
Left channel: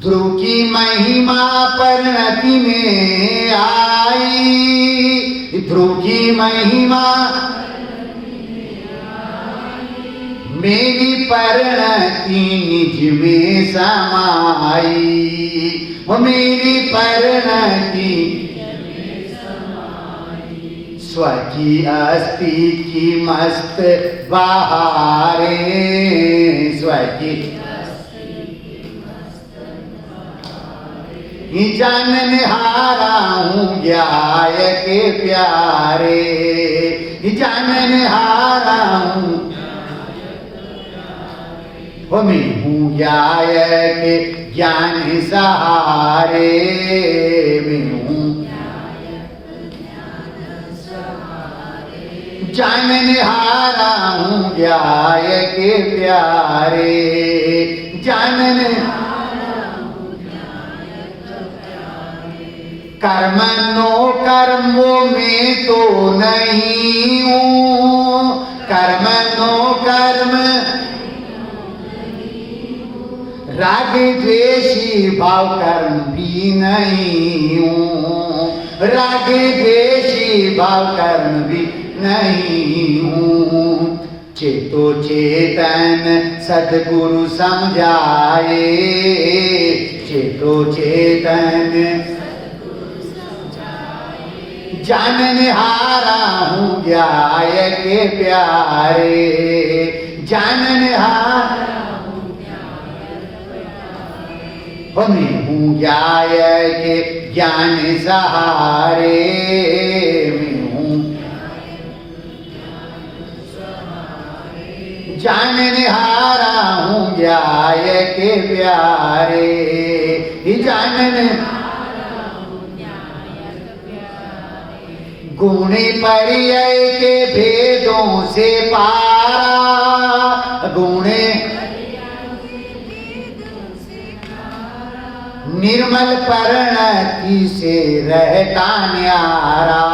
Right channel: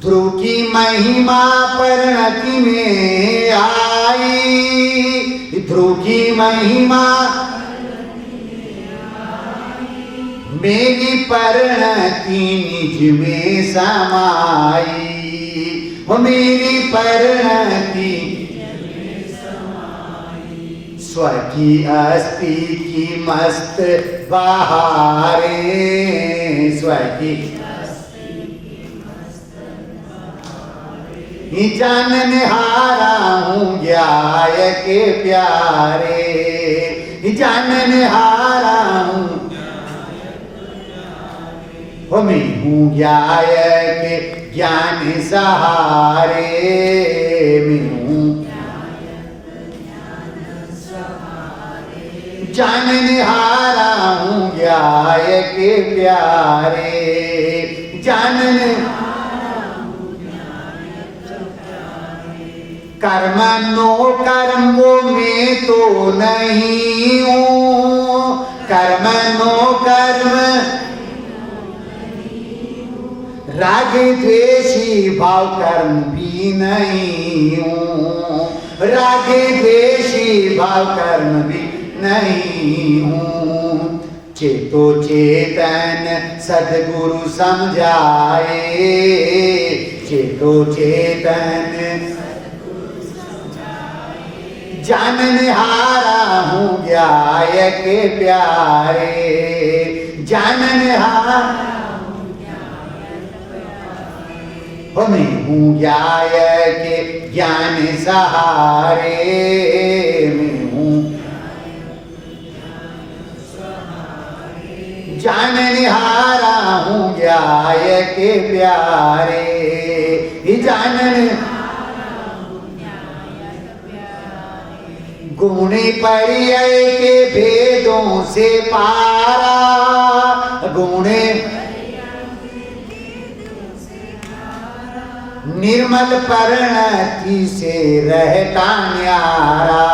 ध्रुव की महिमा परिणति में आई, ध्रुव की महिमा मेरी परिणति निज में समाई, वो मेरी परिणति स्व की अस्थि की मस्त बहारे, स्व की जानन हारा हूं ज्ञायक प्यारे, जानन हारा हूं हो मैं हूं ज्ञायक ज्ञान सहारे, मैं हूं जानन हारा हूं ज्ञायक प्यारे, जानन कर्म नो कर्मों में तो नहीं हूँ, कर्म नो कर्म राग द्वेषी भाव कर्म भी नहीं हूँ, राग द्वेषी भाव कर्म भी नहीं हूँ। चेतो चेतन सद्गुरु समझाए, चेतो चेतन जानन हारा हूं ज्ञायक प्यारे, जानन हारा हो मैं हूं ज्ञायक ज्ञान सहारे, मैं हूं जानन हारा हूं ज्ञायक प्यारे, जानन गुण पर्याय के भेदों से पारा, गुण निर्मल परिणति से रहता न्यारा,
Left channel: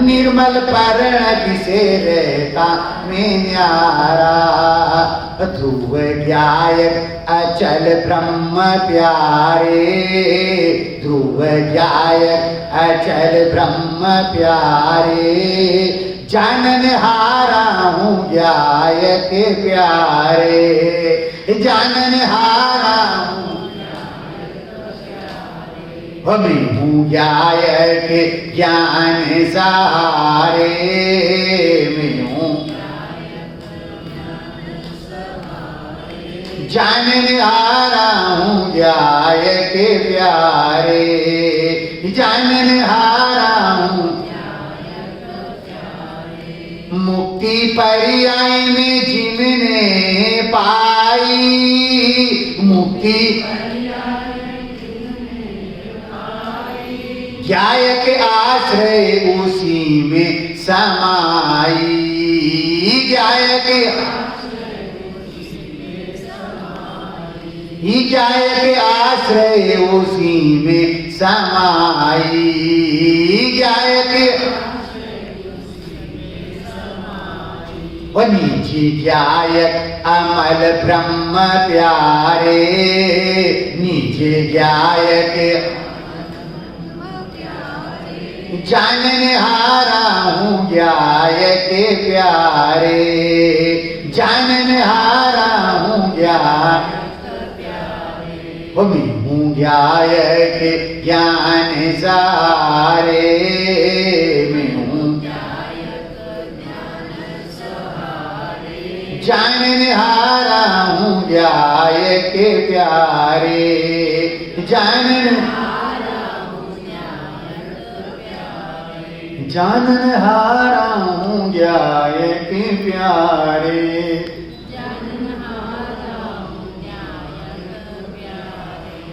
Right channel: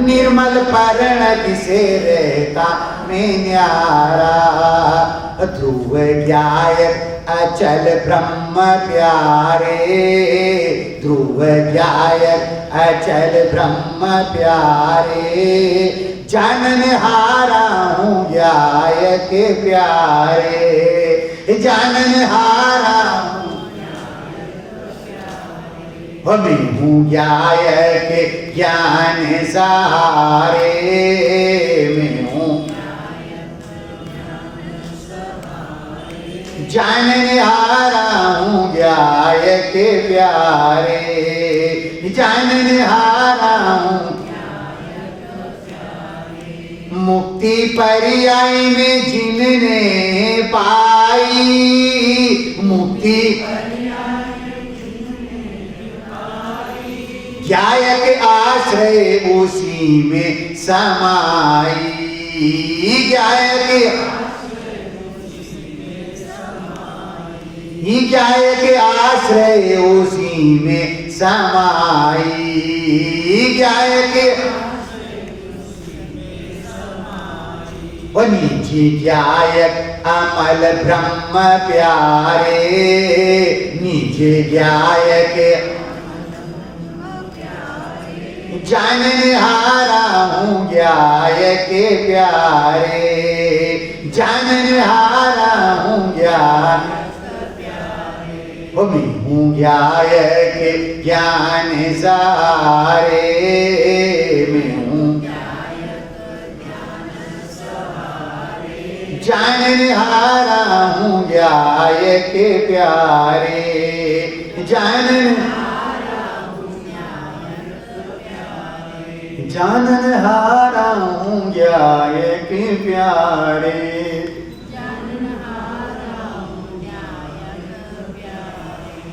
निर्मल परिणति से रहता में न्यारा। ध्रुव ज्ञायक अचल ब्रह्म प्यारे, ध्रुव ज्ञायक अचल ब्रह्म प्यारे, जानन हारा हूं ज्ञायक प्यारे, जानन हारा हूं मैं हूं ज्ञायक ज्ञान सहारे, मैं हूं ध्याय के प्यारे, जानन हारा हूँ मुक्ति पर्याय में जिनने पाई, मुक्ति ज्ञायक आश्रय उसी में समाई, ज्ञायक आश्रय उसी में समाई, ज्ञायक वो नीचे ज्ञायक अमल ब्रह्म प्यारे, नीचे ज्ञायक जानन हारा हूँ ज्ञायक प्यारे, जानन हारा हूँ ज्ञायक, वो मैं हूँ ज्ञायक ज्ञान सारे, मैं हूँ जानन हारा हूँ ज्ञायक प्यारे, जानन हारा हूँ ज्ञायक प्यारे।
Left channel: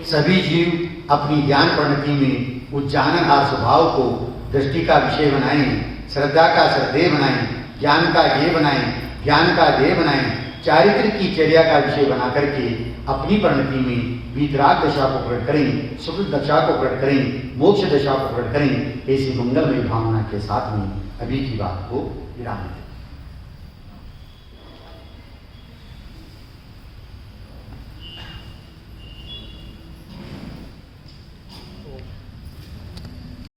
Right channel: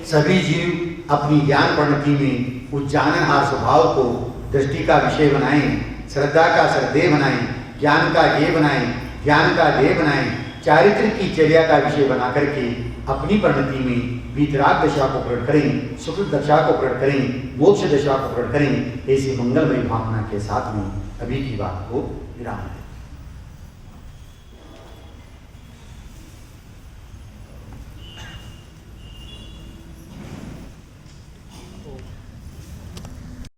सभी जीव अपनी ज्ञान परिणति में उस जाननहार स्वभाव को दृष्टि का विषय बनाएं, श्रद्धा का श्रद्धेय बनाएं, ज्ञान का ध्येय बनाएं, ज्ञान का ध्येय बनाएं, चारित्र की चर्या का विषय बना करके अपनी परिणति में वीतराग दशा को प्रकट करें, सुख दशा को प्रकट करें, मोक्ष दशा को प्रकट करें। ऐसी मंगलमय भावना के साथ में अभी की बात को विराम दें।